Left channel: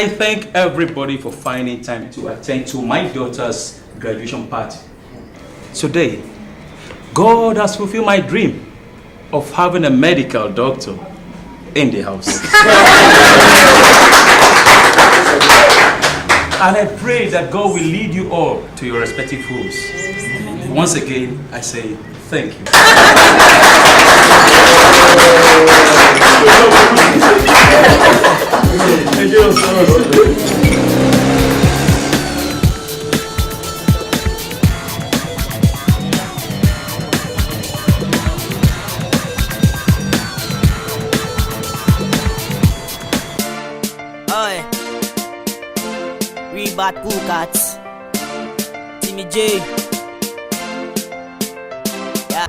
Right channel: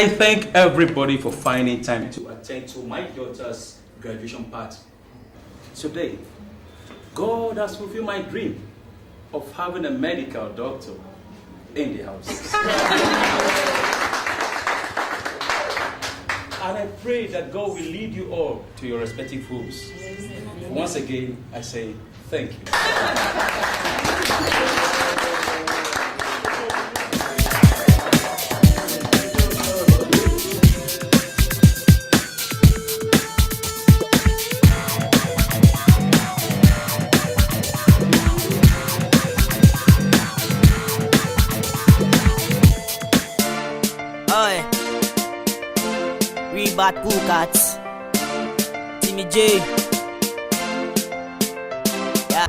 I thank everybody for finding time to attend to my daughter's graduation party. Today, God has fulfilled my dream of having a medical doctor in the house. And I pray that God will lead you all to your respective homes. Once again, I say thank you. Thank you so much. Bad Pukats, Timmy J. Yeah.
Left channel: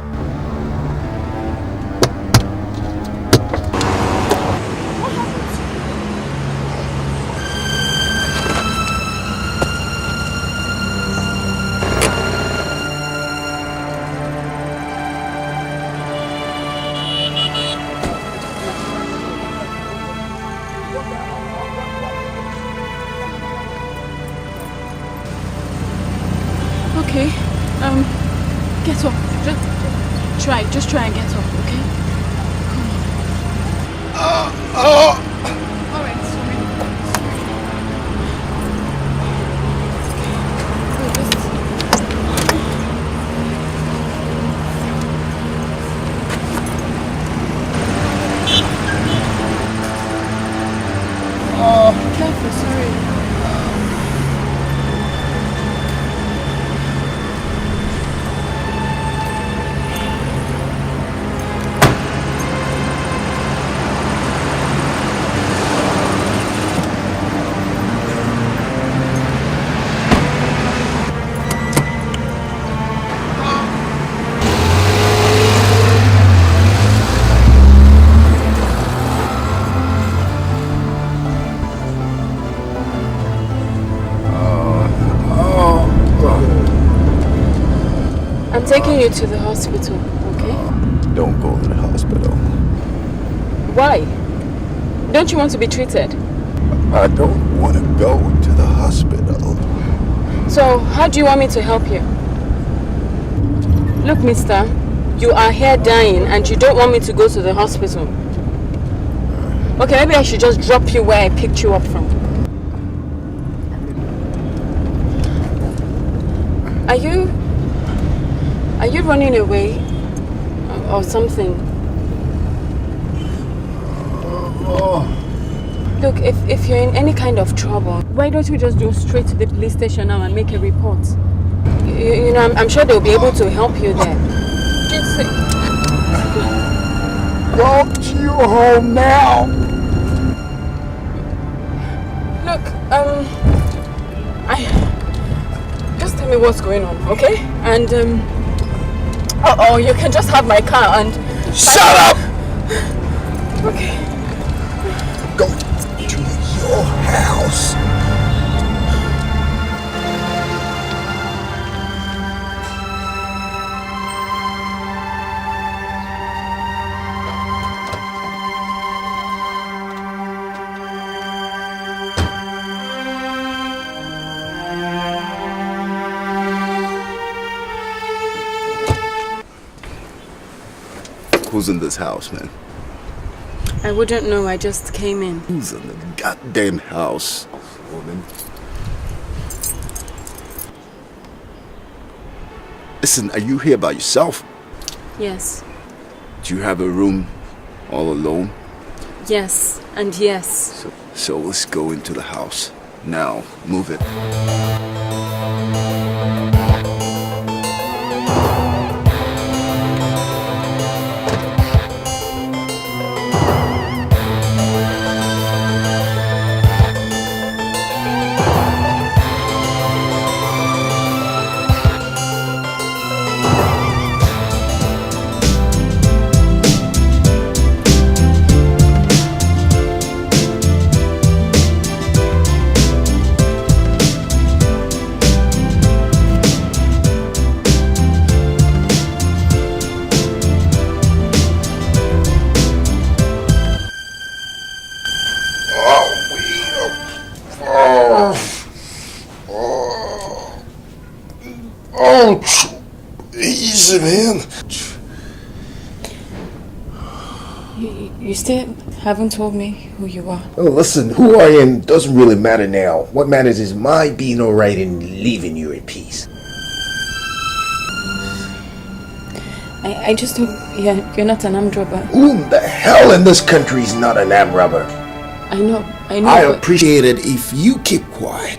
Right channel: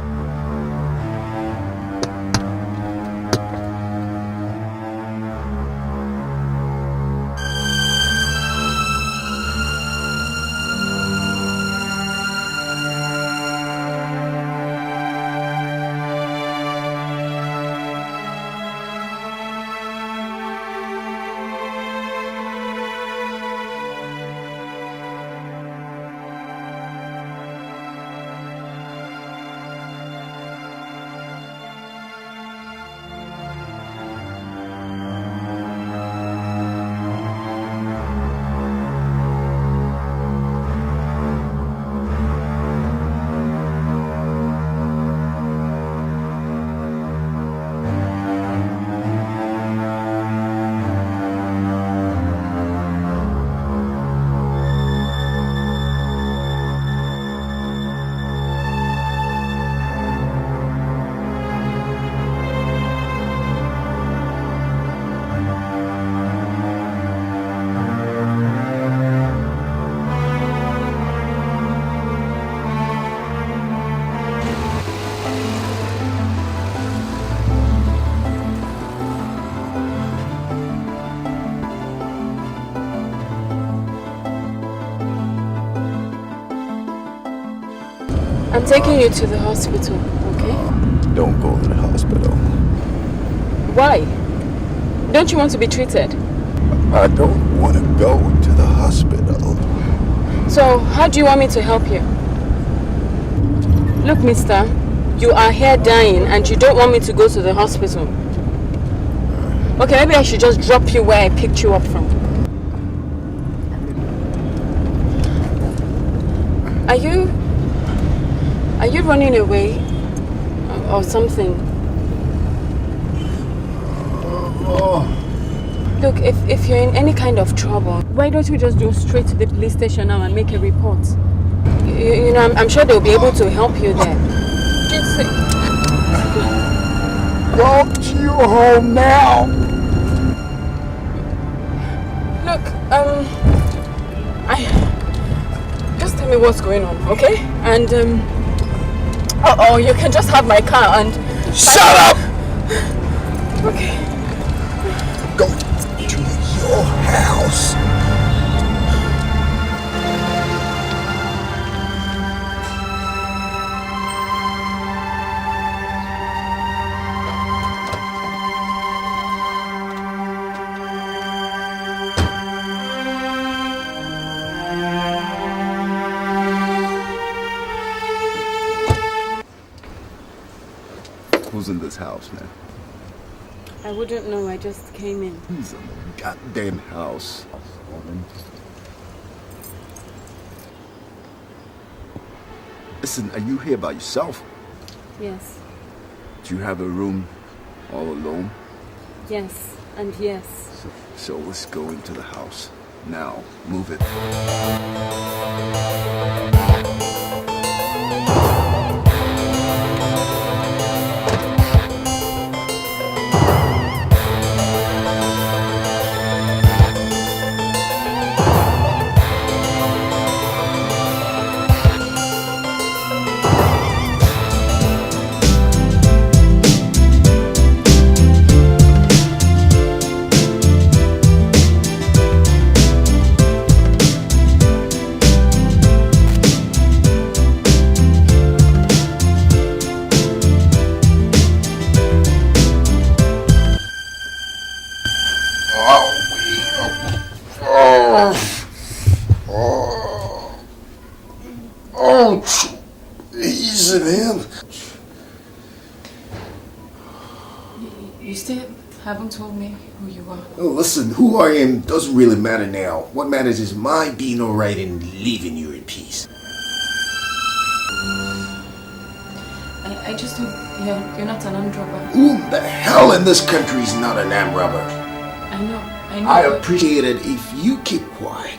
Get up. Just try and get up, okay? I'm taking you to the hospital, okay? Don't go to the hospital. Why? Don't you want to be treated? I don't want to go to the hospital. So, how do you want me to help you? Look, mister, you are here dying and you don't want me to go to the hospital. Okay, maybe I should just drop you where I picked you up from. Are you running away or something? Look, if you're in any kind of trouble, why don't you just go straight to the police station now and make a report? You know, I'm sure they'll be able to help you there. Go to your home now. Look, just tell me what's going on, okay? And you can just have my car and shut up. Okay. Go to your house. Who's in this house, man? I wouldn't know, I just came in. Who's in the goddamn house, woman? Listen, are you here by yourself? Yes. Do you have a room all alone? Yes, and yes. So let's go into the house. Now, move it. Oh, easy, man. You still haven't told me who you are. Oh, listen, who I am doesn't really matter now. What matters is my being alright and leaving you in peace. I just hope you're not an armed robber. Who the hell in this country is not an armed robber? I know. I appreciate it if you keep quiet.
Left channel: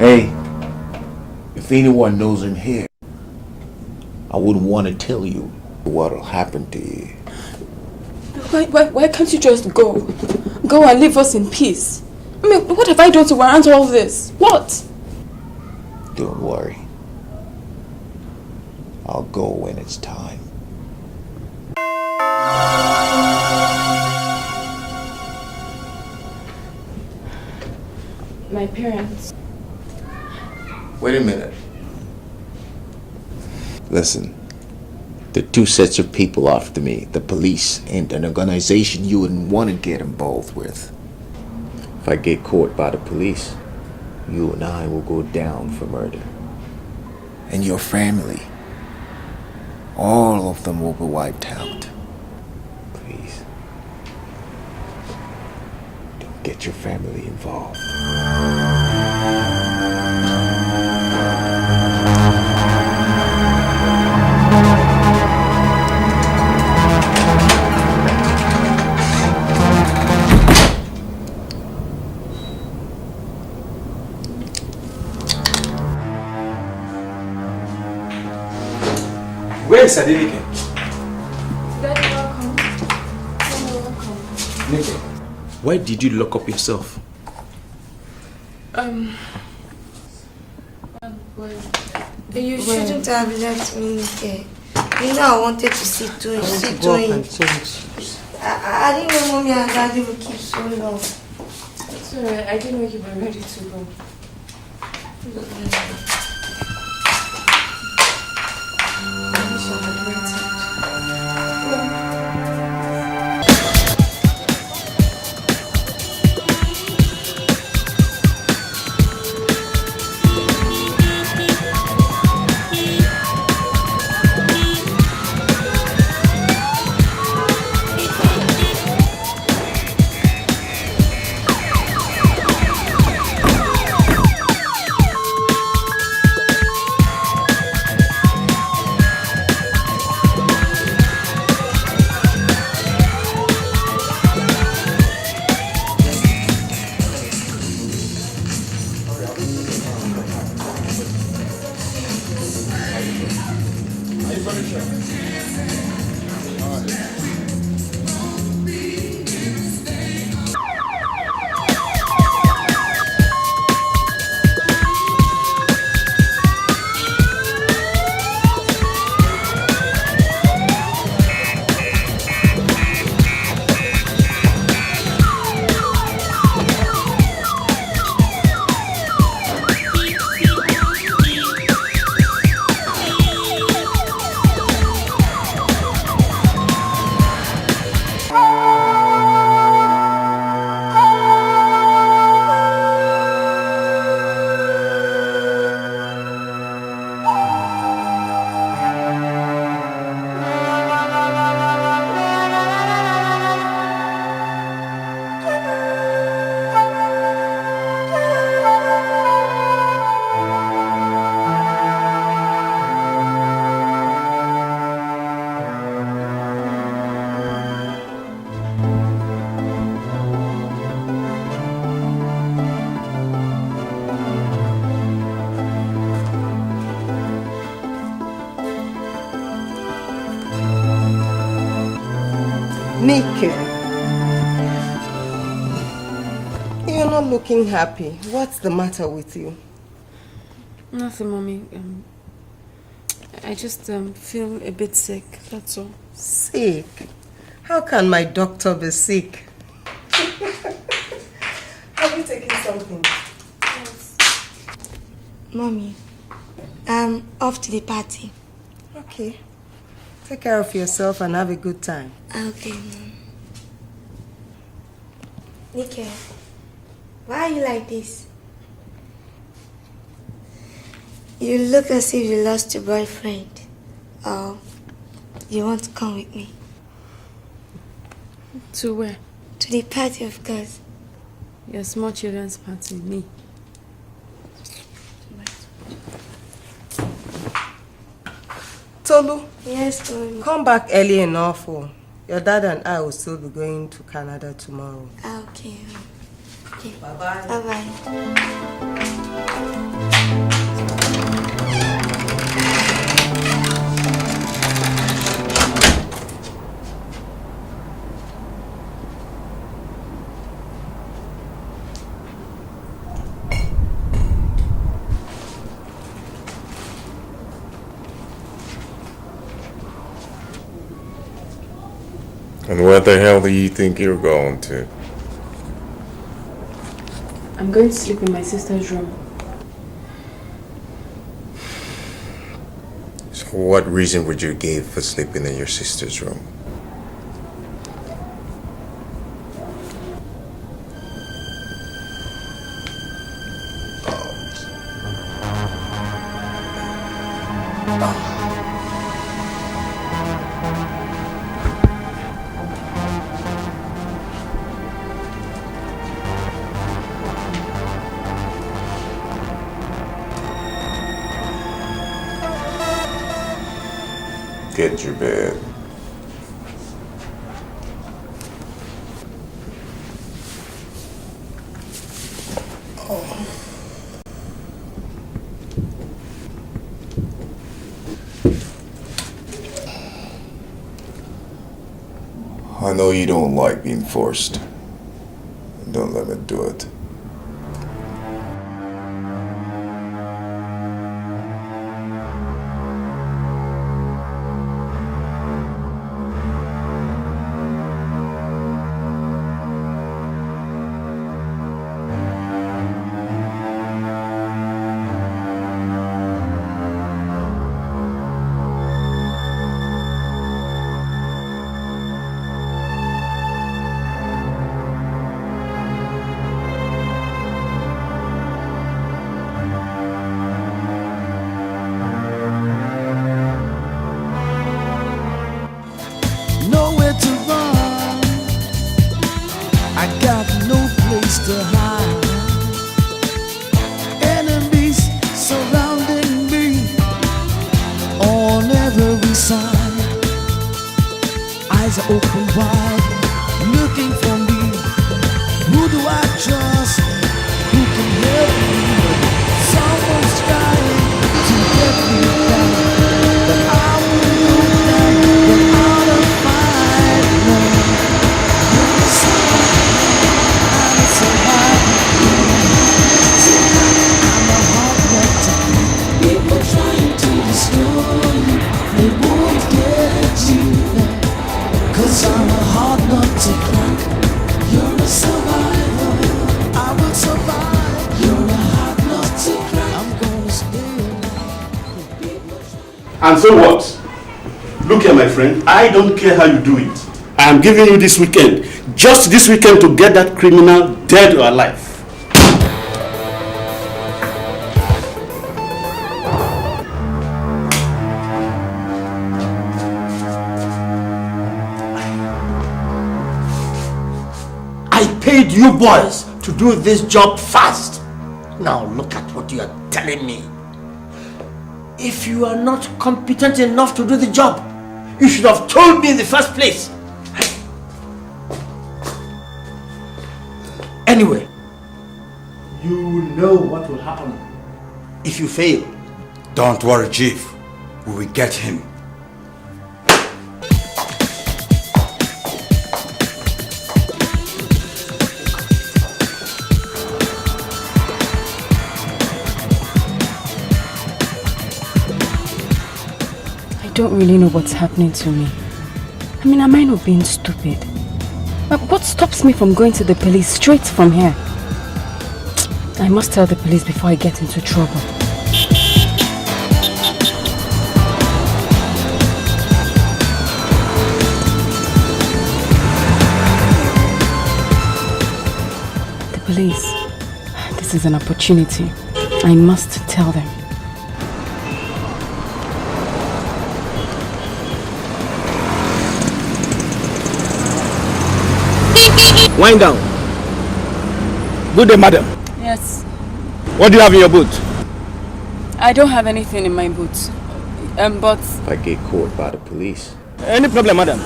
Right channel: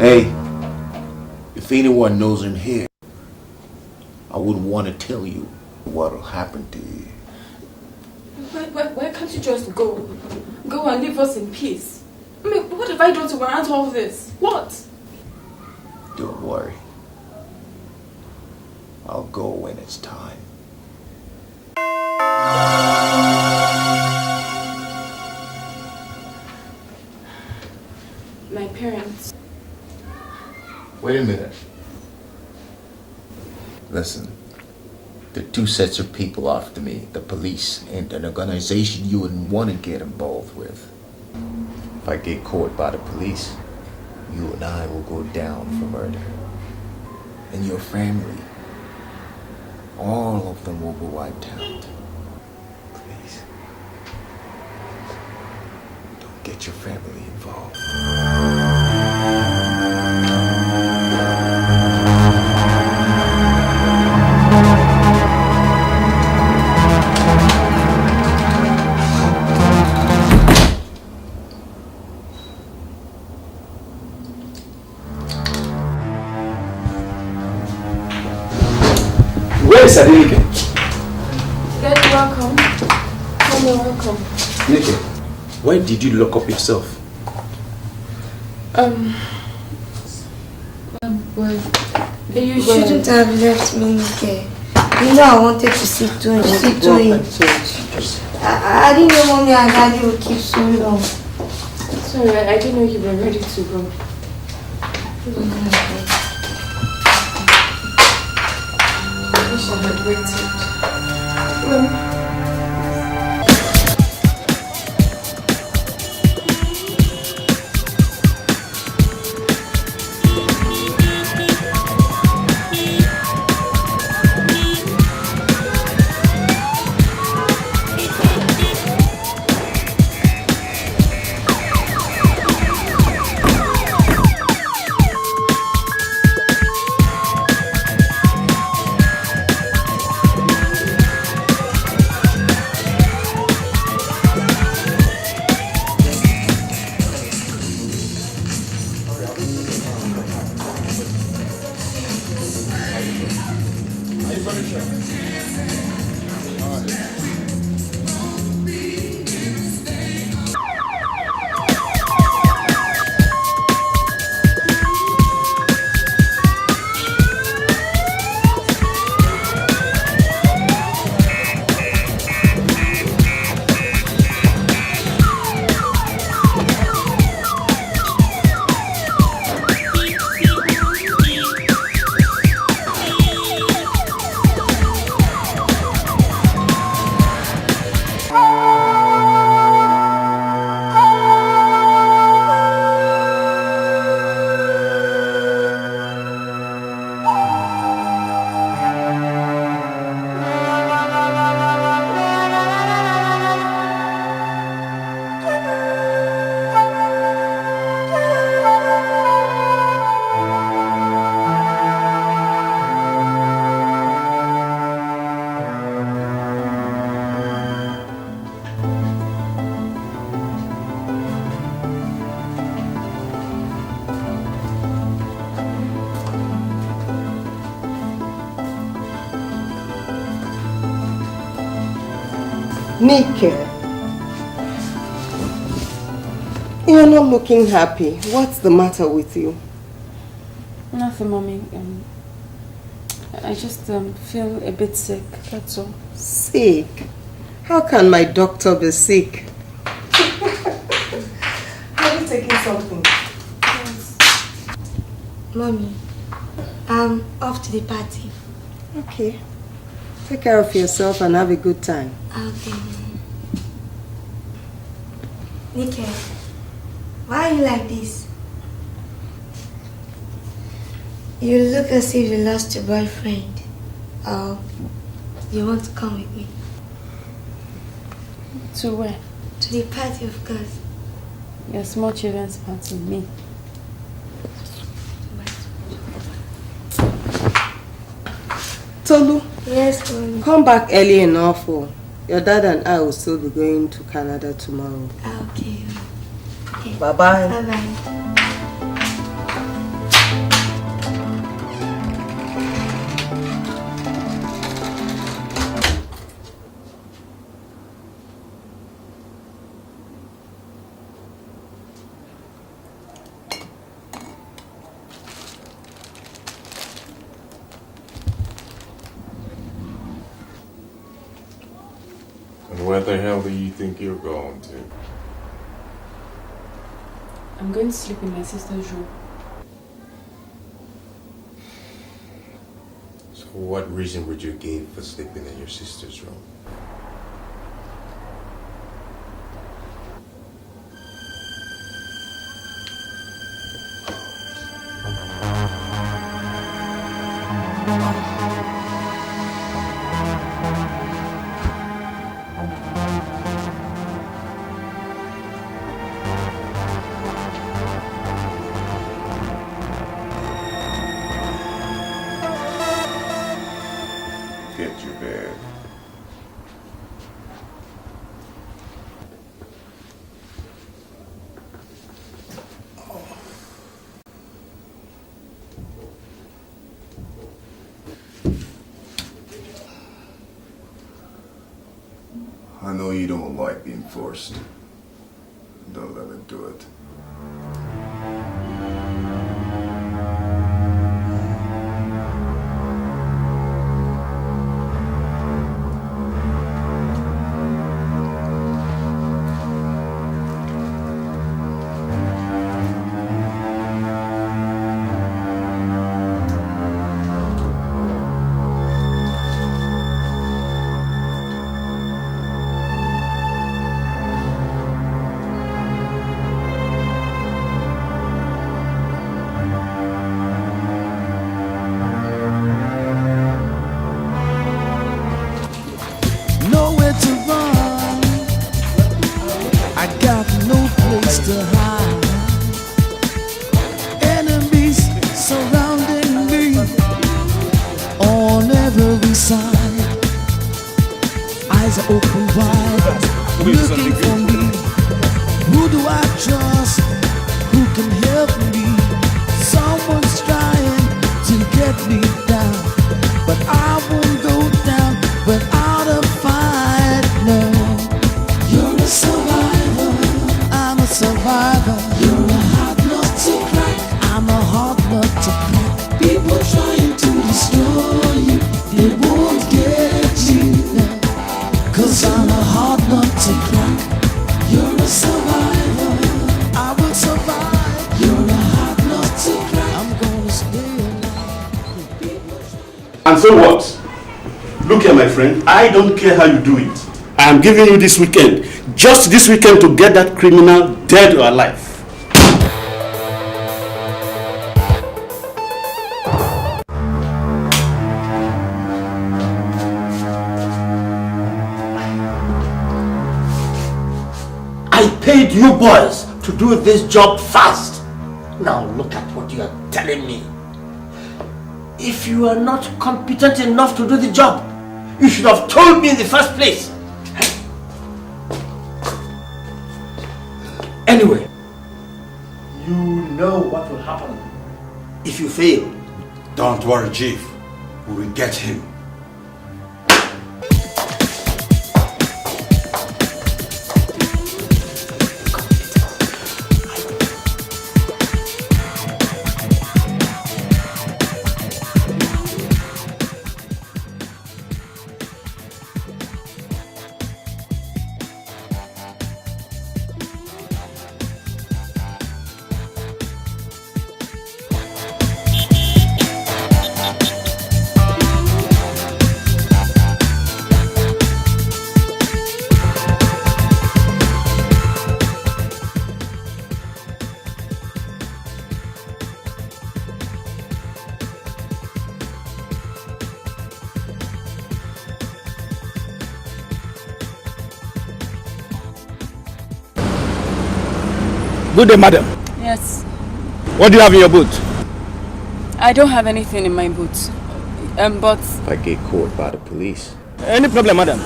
Hey, if anyone knows him here, I wouldn't want to tell you what'll happen to you. Why can't you just go? Go and leave us in peace. I mean, what have I done to warrant all this? What? Don't worry. I'll go when it's time. My parents. Wait a minute. Listen. There are two sets of people after me. The police and an organization you wouldn't want to get involved with. If I get caught by the police, you and I will go down for murder. And your family, all of them will be wiped out. Please, don't get your family involved. Where is Dikeh? Daddy, welcome. Mommy, welcome. Dikeh, why did you lock up yourself? Well, you shouldn't have left me here. You know I wanted to speak to him. I didn't know Mommy and Daddy would keep so long. Sorry, I didn't know you were ready to go. Dikeh, you're not looking happy. What's the matter with you? Nothing, Mommy. I just feel a bit sick, that's all. Sick? How can my doctor be sick? Have you taken something? Yes. Mommy, I'm off to the party. Okay. Take care of yourself and have a good time. Okay. Dikeh, why are you like this? You look as if you lost your boyfriend. You want to come with me? To where? To the party, of course. Your small children's party, me. Tolu, Yes, Mom. come back early enough. Oh. Your dad and I will still be going to Canada tomorrow. Okay. Bye-bye. Bye-bye. And where the hell do you think you're going to? I'm going to sleep in my sister's room. So what reason would you give for sleeping in your sister's room? Get your bed. I know you don't like being forced. Don't let me do it. Nowhere to run, I got no place to hide. Enemies surrounding me on every side. Eyes are open wide, looking for me. Who do I trust? Who can help me? Someone's trying to get me down, but I won't go down without a fight. No, you're a survivor. I'm a survivor. You're a heartless guy. I'm a heartless guy. People trying to destroy you, they won't get you now. 'Cause I'm a hard nut to crack. You're a survivor. I will survive. You're a hard nut to crack. I'm gonna stay alive. And so what? Look here, my friend, I don't care how you do it. I am giving you this weekend, just this weekend, to get that criminal dead or alive. I paid you boys to do this job fast. Now look at what you are telling me. If you are not competent enough to do the job, you should have told me in the first place. Anyway, you know what will happen if you fail. Don't worry, Chief. We will get him. I don't really know what's happening to me. I mean, am I not being stupid? But what stops me from going to the police straight from here? I must tell the police before I get into trouble. is an opportunity. I must tell them. Wind down. Good day, madam. Yes. What do you have in your boot? I don't have anything in my boot. But... If I get caught by the police... Any problem, madam?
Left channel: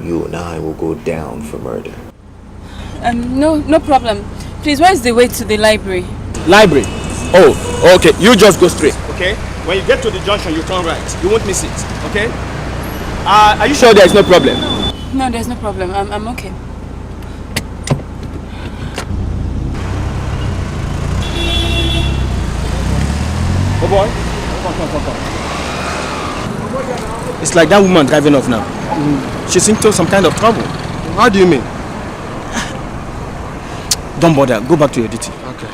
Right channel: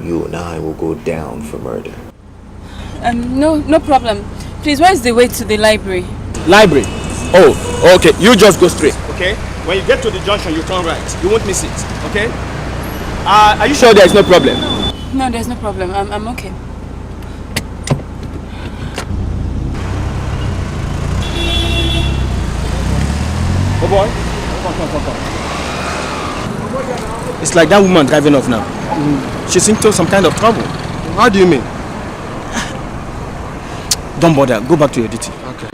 You and I will go down for murder. No problem. Please, where is the way to the library? Library? Oh, okay. You just go straight, okay? When you get to the junction, you turn right. You won't miss it, okay? Are you sure there is no problem? No, there's no problem. I'm okay. Oh boy, come. It's like that woman driving off now. She's into some kind of trouble. How do you mean? Don't bother, go back to your duty. Okay.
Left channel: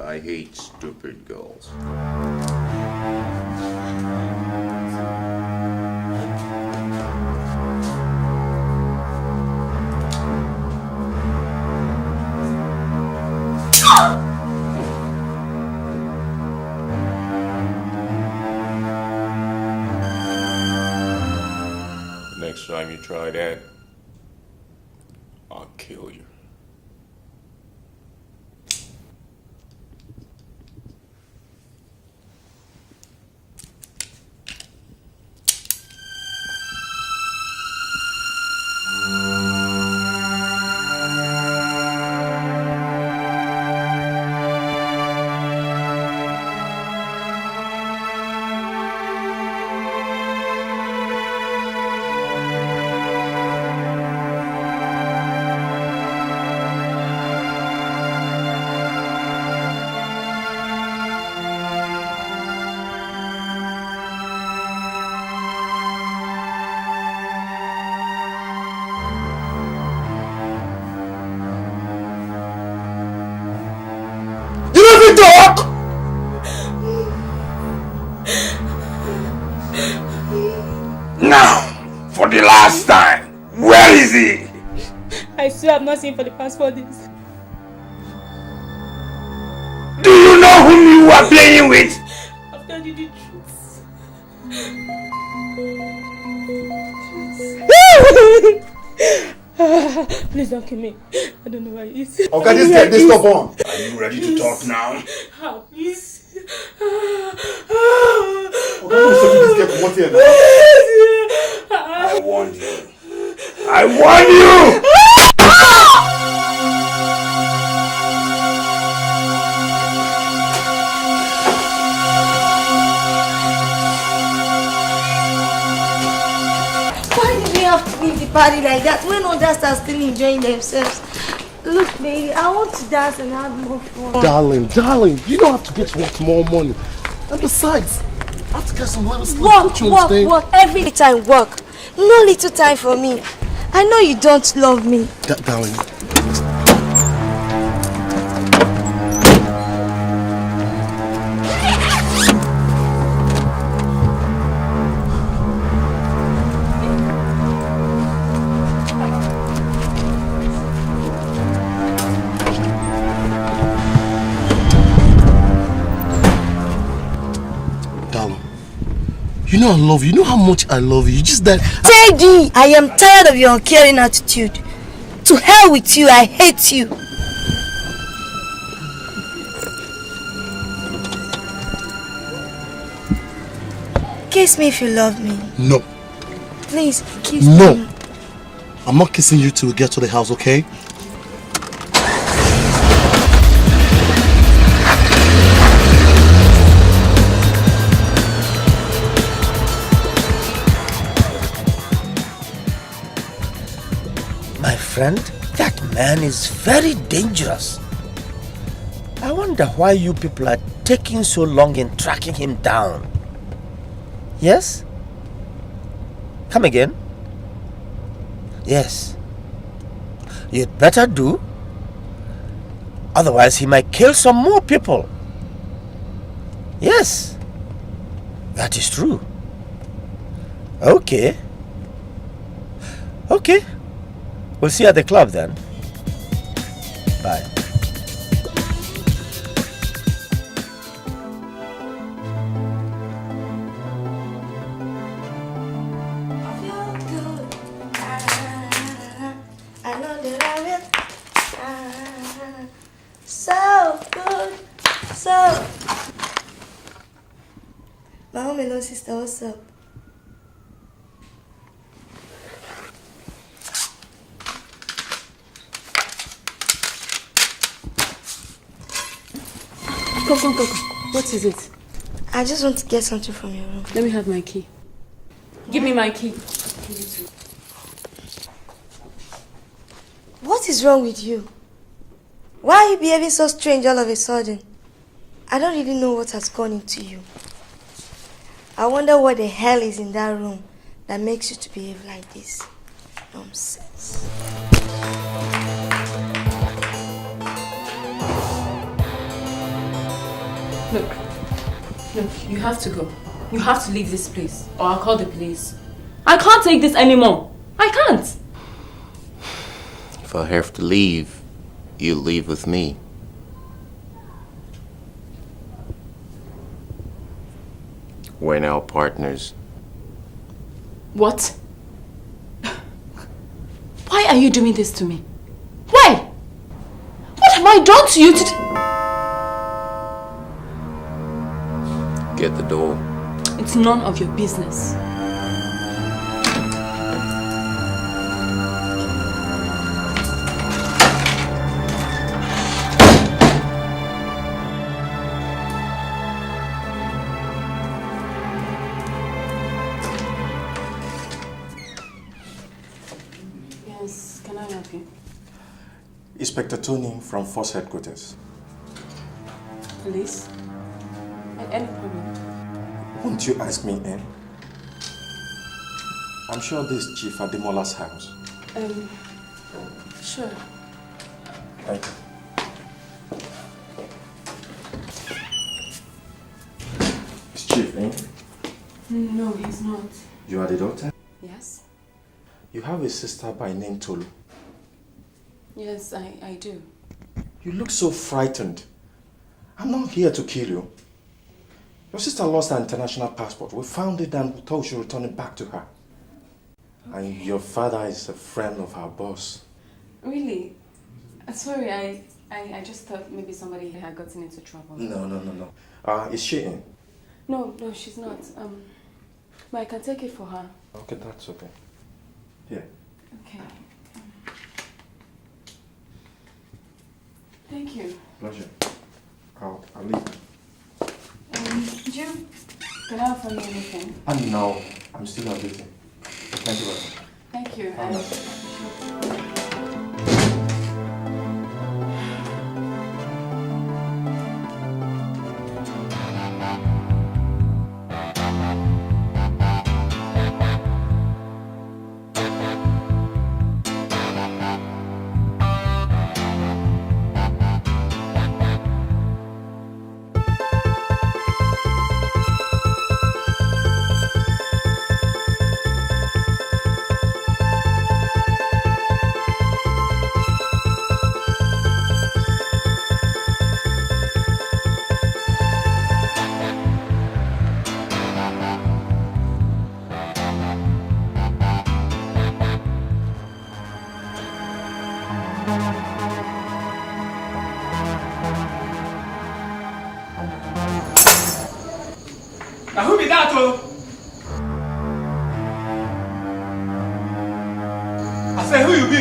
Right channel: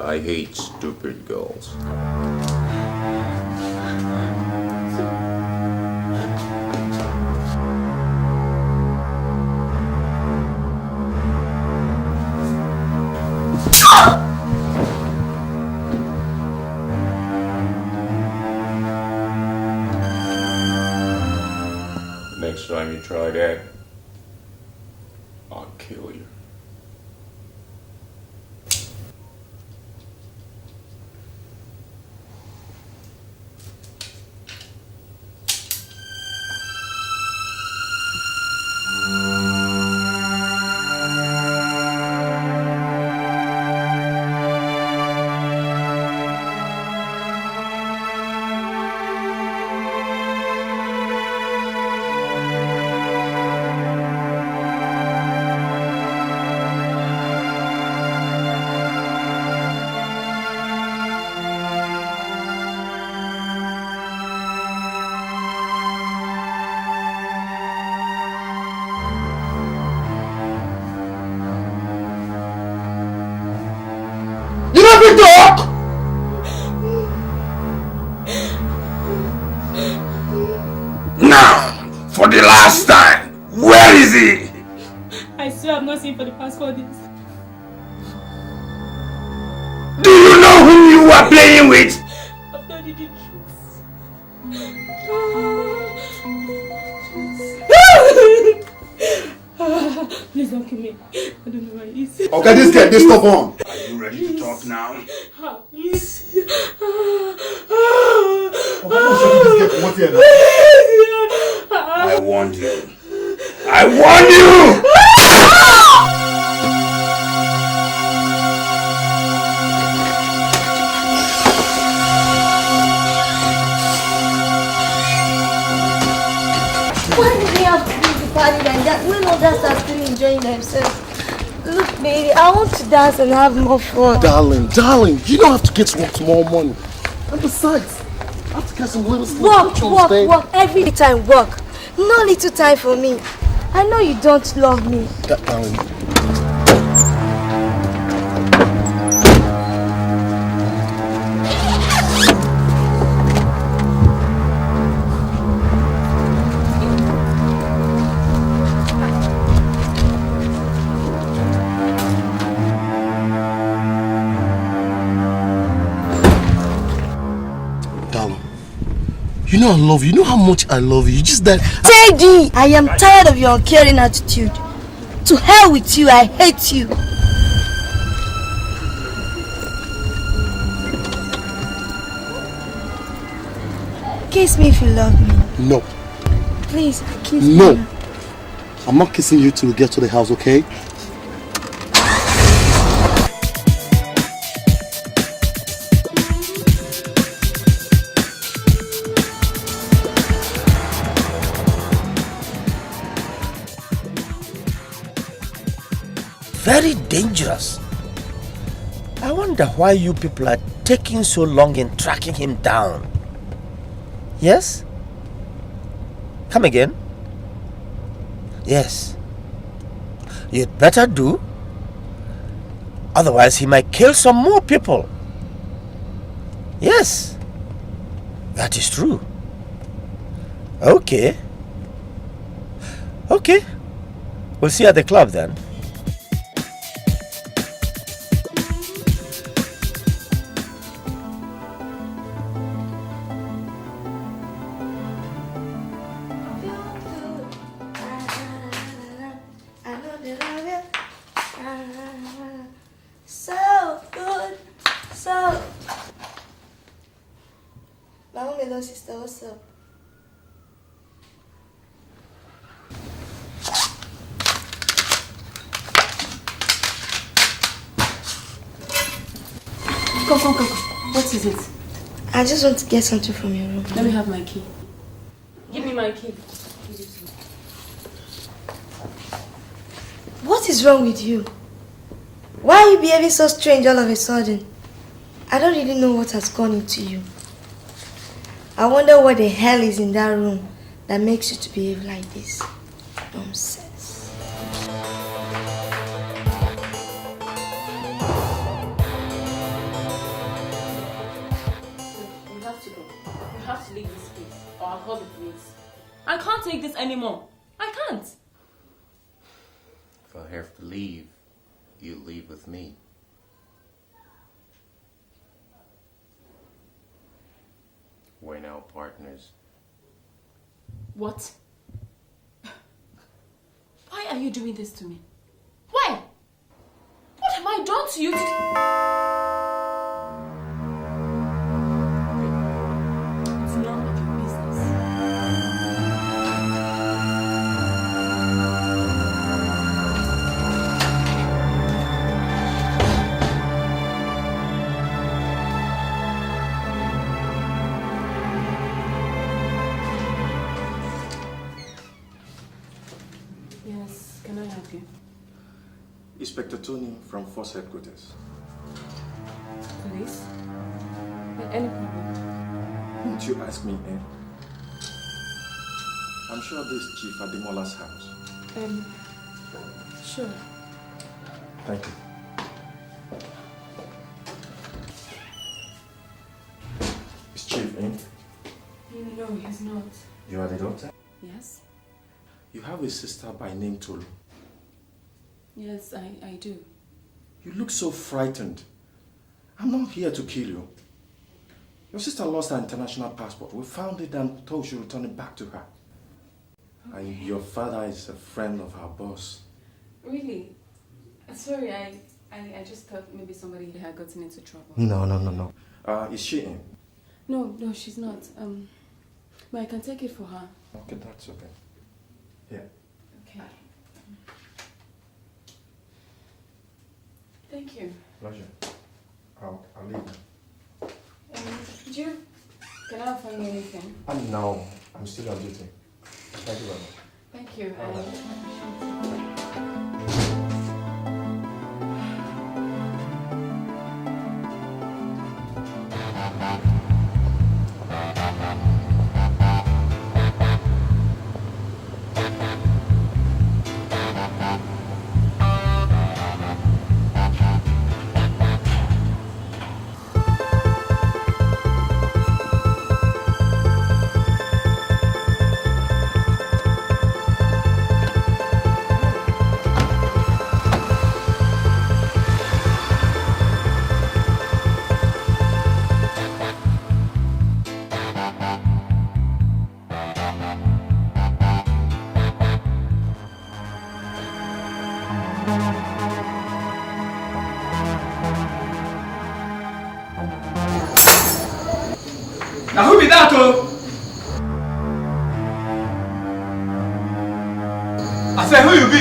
I hate stupid girls. Next time you try that, I'll kill you. doesn't talk! Now, for the last time, where is he? I swear I've not seen him for the past 4 days. Do you know whom you are playing with? I've told you the truth. Please don't kill me. I don't know why he is. Okay, this guy, this stubborn. Are you ready to talk now? Please. I warned you. I warned you! Why do we have to leave the party like that when others are still enjoying themselves? Look, baby, I want to dance and have more fun. Darling, you don't have to get to work tomorrow morning. And besides, I have to get some little sleep. Work, every time work. No little time for me. I know you don't love me. Darling. You know I love you. You know how much I love you. Just that... Teddy! I am tired of your uncaring attitude. To hell with you. I hate you. Kiss me if you love me. No. Please, kiss me. No. I'm not kissing you till we get to the house, okay? That man is very dangerous. I wonder why you people are taking so long in tracking him down. Yes? Come again? Yes. You'd better do. Otherwise he might kill some more people. Yes. That is true. Okay. Okay. We'll see you at the club then. Bye. So good. So. My melon sister, what's up? Go. What is it? I just want to get something from your room. Let me have my key. Give me my key. What is wrong with you? Why are you behaving so strange all of a sudden? I don't really know what has gone into you. I wonder what the hell is in that room that makes you to behave like this. Nonsense. Look, you have to go. You have to leave this place or I'll call the police. I can't take this anymore. I can't. If I have to leave, you leave with me. We're now partners. What? Why are you doing this to me? Why? What have I done to you to... Get the door. It's none of your business. Yes, can I help you? Inspector Tony from Force Headquarters. Police? Any problem? Won't you ask me in? I'm sure this is Chief Ademola's house. Sure. Thank you. daughter? Yes? You have a sister by name Tolu. Yes, I do. You look so frightened. I'm not here to kill you. Your sister lost her international passport. We found it and we thought we should return it back to her. Okay. And your father is a friend of our boss. Really? Sorry, I just thought maybe somebody had gotten into trouble. No. Is she in? No, she's not. But I can take it for her. Okay, that's okay. Here. Okay. Thank you. Pleasure. I'll leave. Did you get out for me anything? No, I'm still at meeting. Thank you very much. Thank you. I appreciate it. Now who be that, oh? I said, who you be?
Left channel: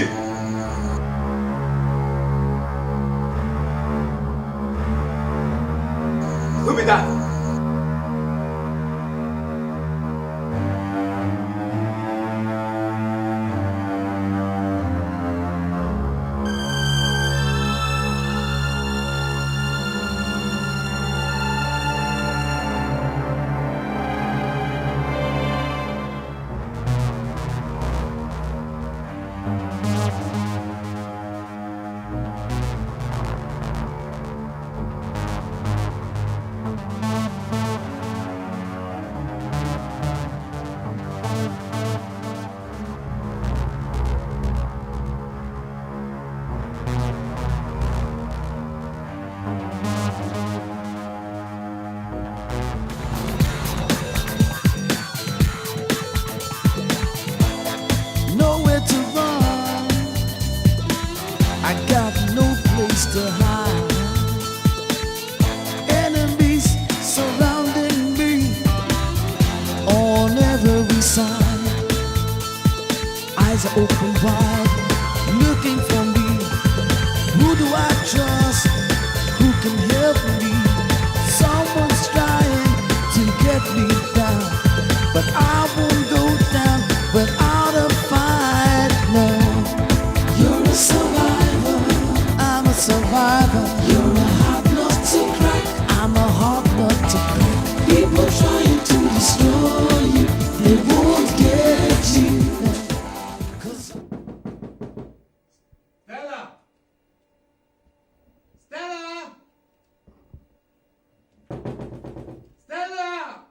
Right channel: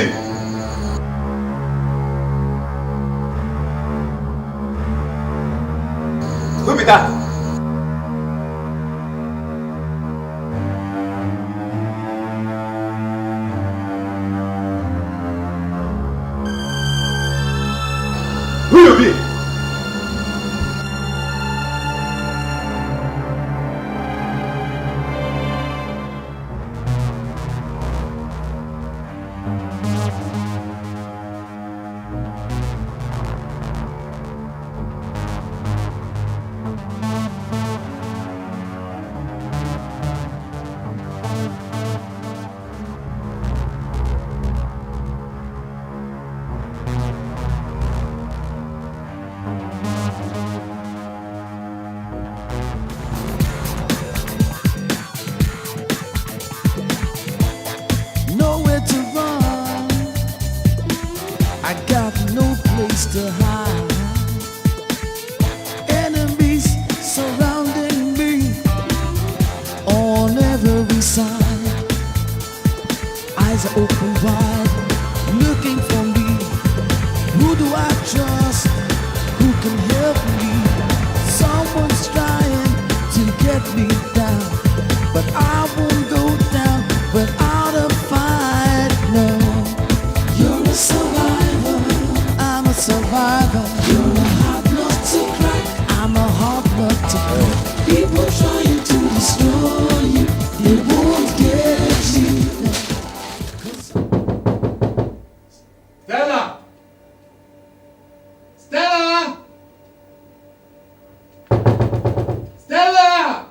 Who be that? Who you be? Nowhere to run, I got no place to hide. Enemies surrounding me on every side. Eyes are open wide, looking for me. Who do I trust? Who can help me? Someone's trying to get me down, but I won't go down without a fight. No, you're a survivor. I'm a survivor. You're a hard nut to crack. I'm a hard nut to crack. People trying to destroy you, they won't get you. Stella! Stella! Stella!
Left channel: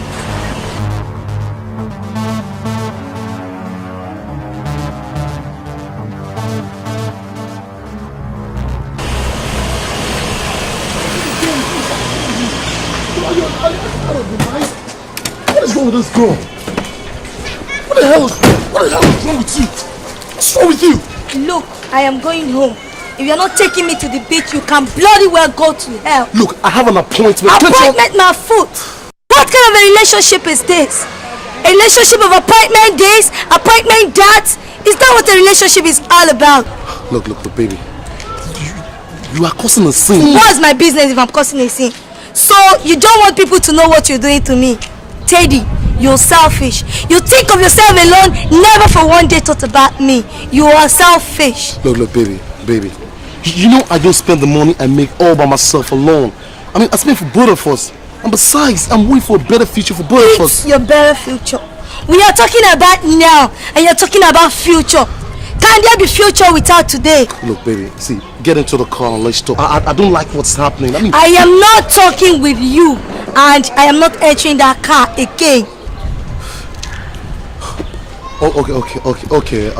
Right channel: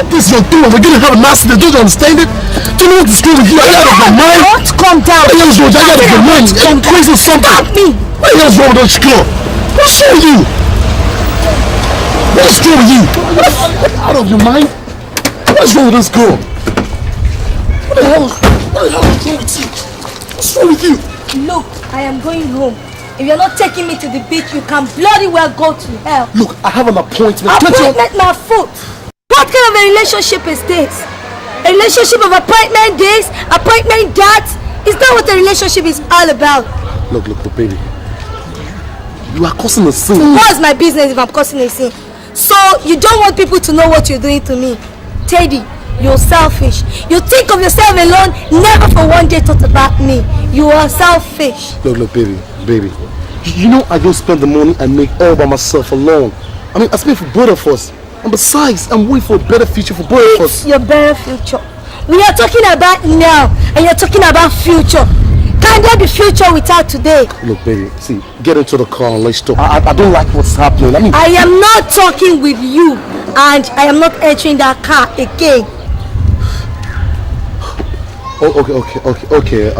Stop this you're doing. We're gonna have an accident. Don't you understand it? Do you know what's wrong with you? Are you out of your mind? Don't calm down. What the hell's wrong with you? Are you out of your mind? Are you crazy or something? Stop me. What the hell's wrong with this girl? What's wrong with you? What's wrong with you? Out of your mind? What's wrong with this girl? What the hell's wrong with you? What's wrong with you? Look, I am going home. If you're not taking me to the beach, you can bloody well go to hell. Look, I have an appointment. Appointment my foot. What kind of a relationship is this? A relationship of appointment days, appointment dates? Is that what a relationship is all about? Look, baby. You are causing a sin. What's my business if I'm causing a sin? So, you don't want people to know what you're doing to me. Teddy, you're selfish. You think of yourself alone, never for one day thought about me. You are selfish. Look, baby. You know I don't spend the money I make all by myself alone. I mean, I spend for both of us. And besides, I'm waiting for a better future for both of us. Your better future. We are talking about now, and you're talking about future. Can there be future without today? Look, baby, see, get into the car and let's talk. I don't like what's happening. I am not talking with you, and I am not entering that car again. Okay.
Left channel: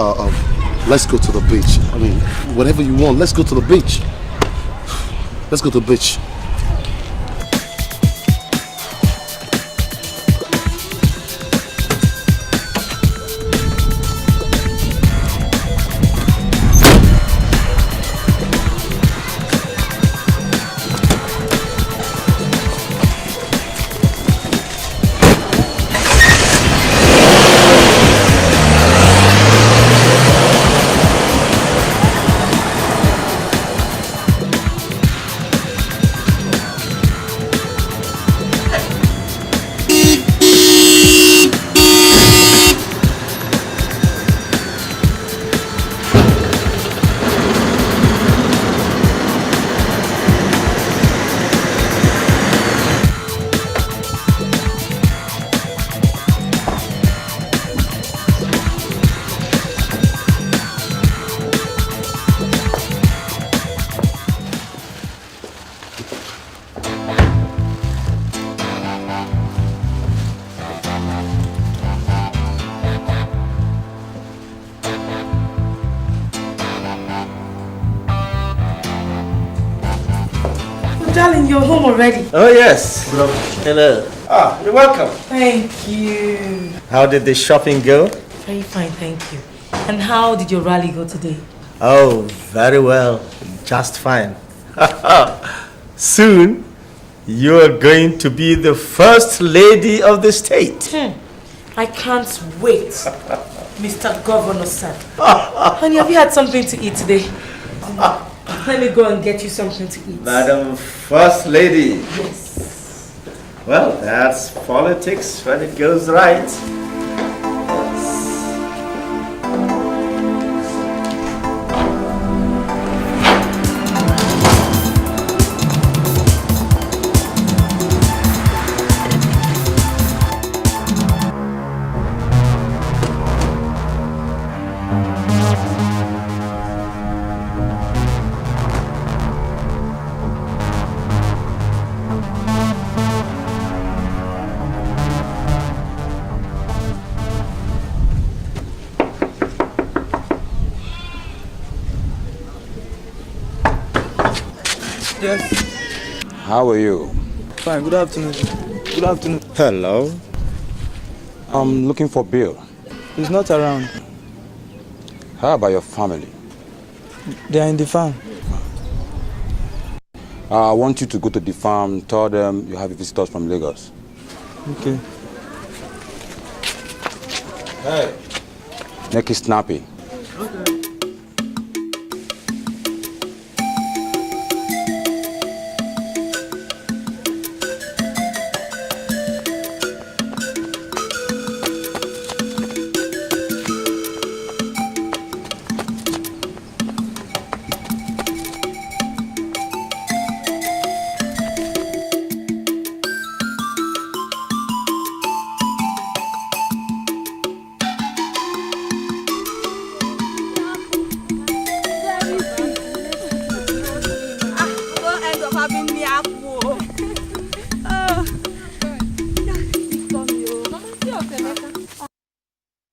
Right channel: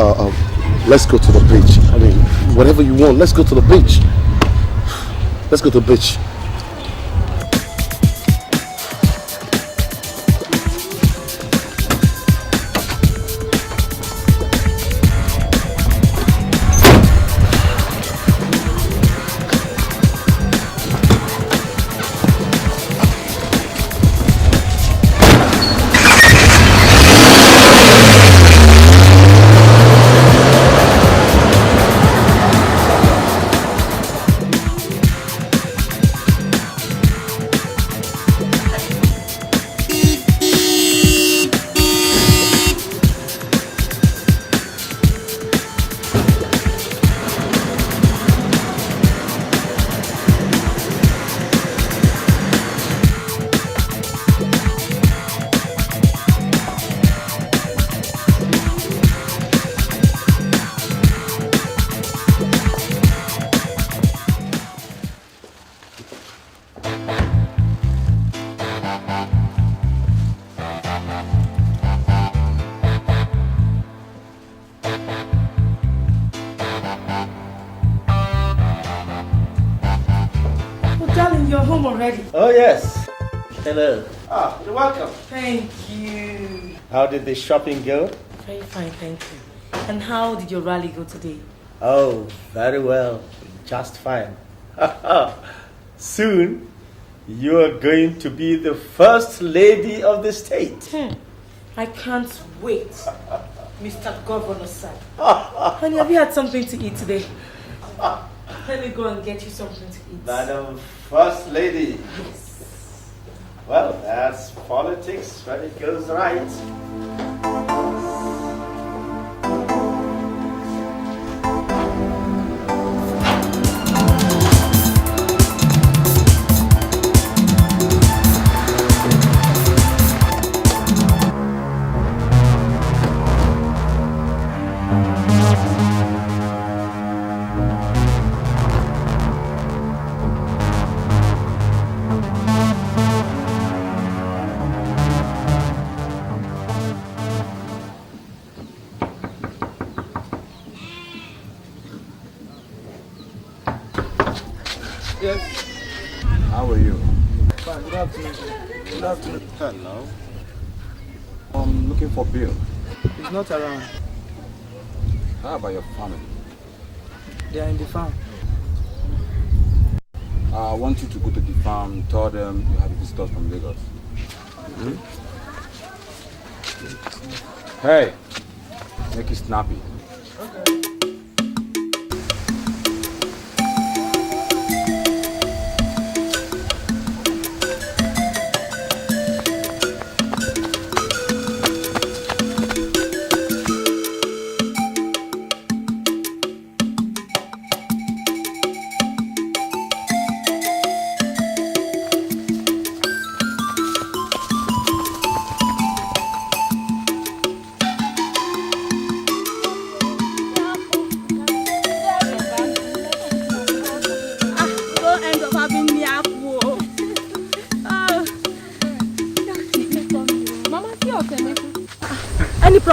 Let's go to the beach. I mean, whatever you want, let's go to the beach. Let's go to the beach. You're home already. Oh, yes. Hello. You're welcome. Thank you. How did the shopping go? Very fine, thank you. And how did your rally go today? Oh, very well. Just fine. Soon, you're going to be the first lady of the state. I can't wait, Mr. Governor, sir. Honey, have you had something to eat today? Let me go and get you something to eat. Madam First Lady. Yes. Well, that's politics when it goes right. Yes. How are you? Fine. Good afternoon. Good afternoon. Hello. I'm looking for Bill. He's not around. How about your family? They are in the farm. I want you to go to the farm, tell them you have visitors from Lagos. Okay. Hey, make it snappy. Okay.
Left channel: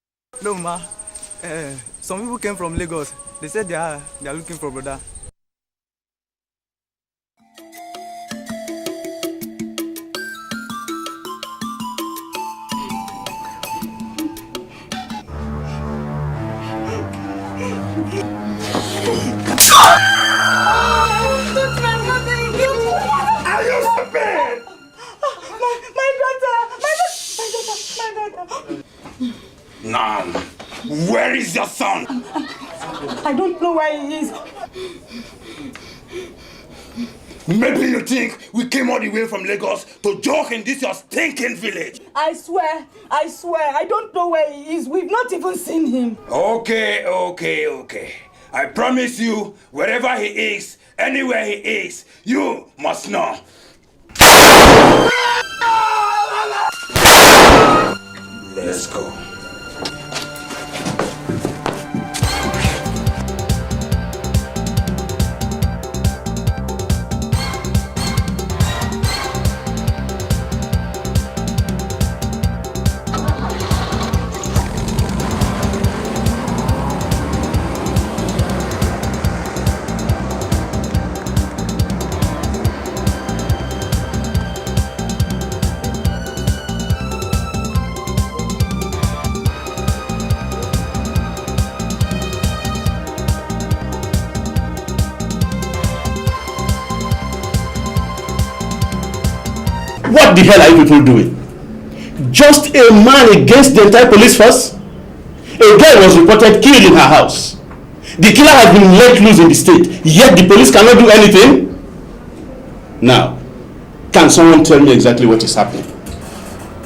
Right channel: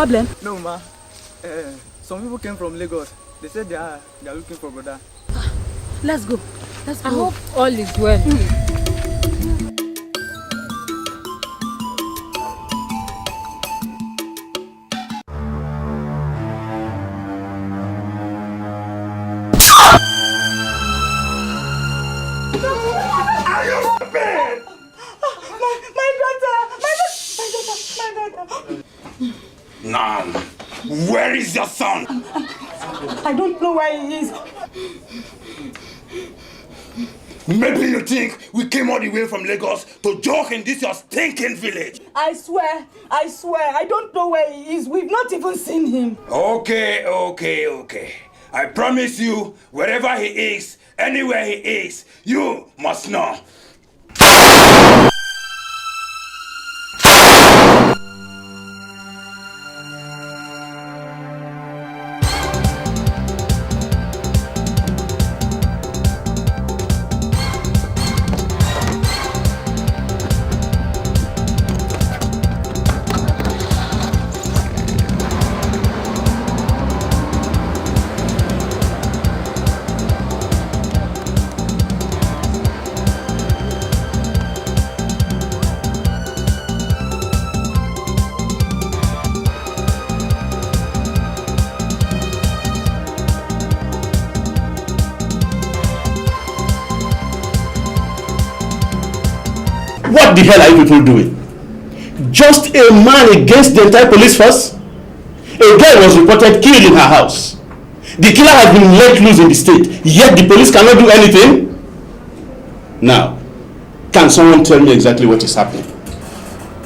problem? No, ma. Some people came from Lagos. They said they are looking for brother. Let's go. Let's go. I hope all is well. Now, where is your son? I don't know where he is. Maybe you think we came all the way from Lagos to joke in this your stinking village. I swear, I don't know where he is. We've not even seen him. Okay. I promise you, wherever he is, anywhere he is, you must know. Let's go. What the hell are you people doing? Just a man against the entire police force? A girl was reported killed in her house. The killer has been let loose in the state, yet the police cannot do anything? Now, can someone tell me exactly what is happening?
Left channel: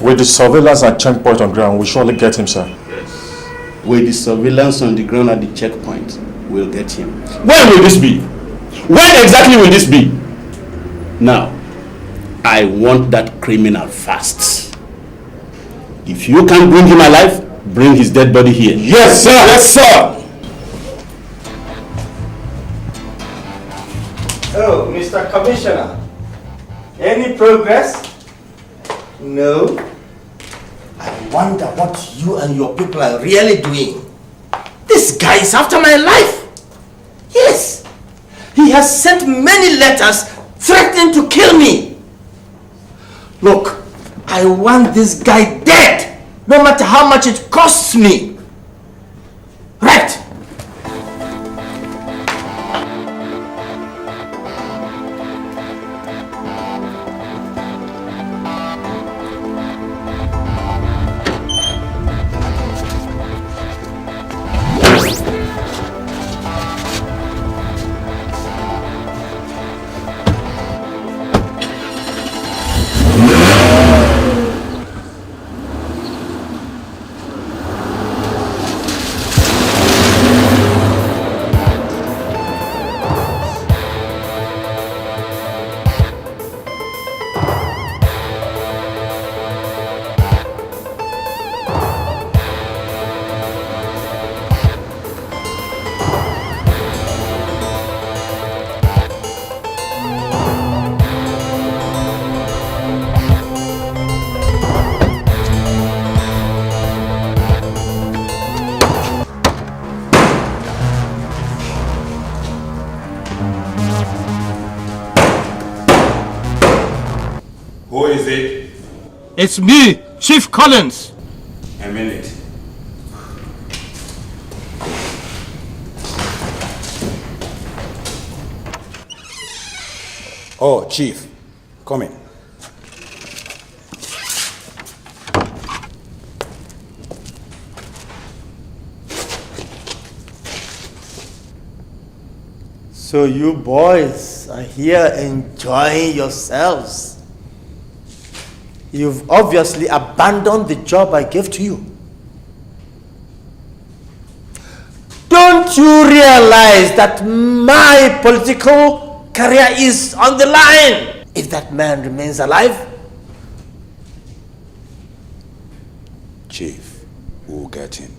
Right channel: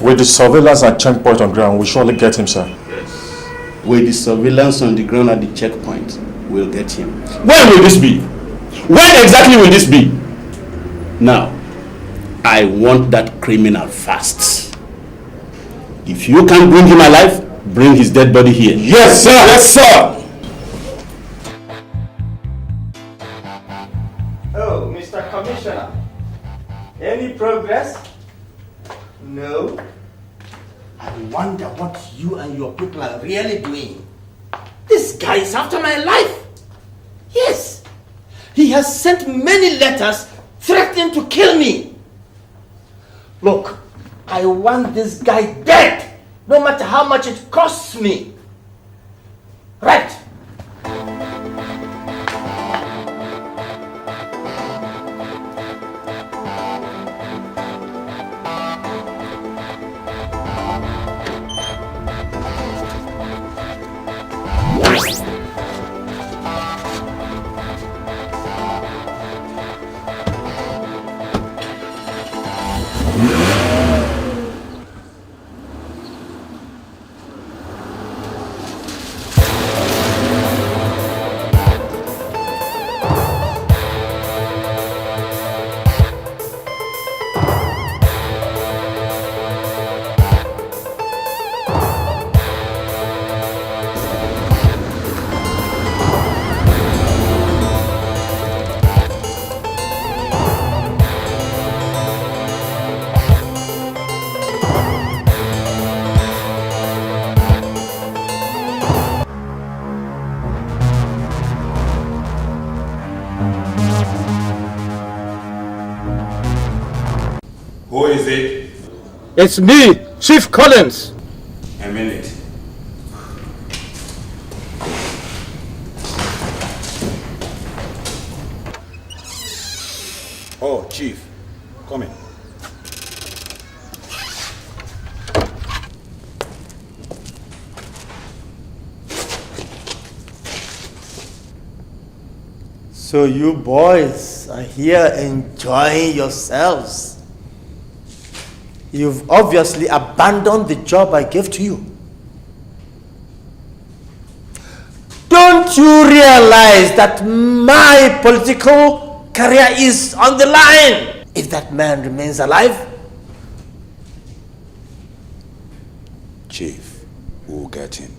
With the surveillance at checkpoint on ground, we'll surely get him, sir. Yes. With the surveillance on the ground at the checkpoint, we'll get him. When will this be? When exactly will this be? Now, I want that criminal fast. If you can't bring him alive, bring his dead body here. Yes, sir! Yes, sir! Oh, Mr. Commissioner. Any progress? No. I wonder what you and your people are really doing. This guy is after my life. Yes. He has sent many letters threatening to kill me. Look, I want this guy dead, no matter how much it costs me. Right. Who is it? It's me, Chief Collins. A minute. Oh, Chief, come in. So you boys are here enjoying yourselves. You've obviously abandoned the job I gave to you. Don't you realize that my political career is on the line if that man remains alive? Chief, we'll get him.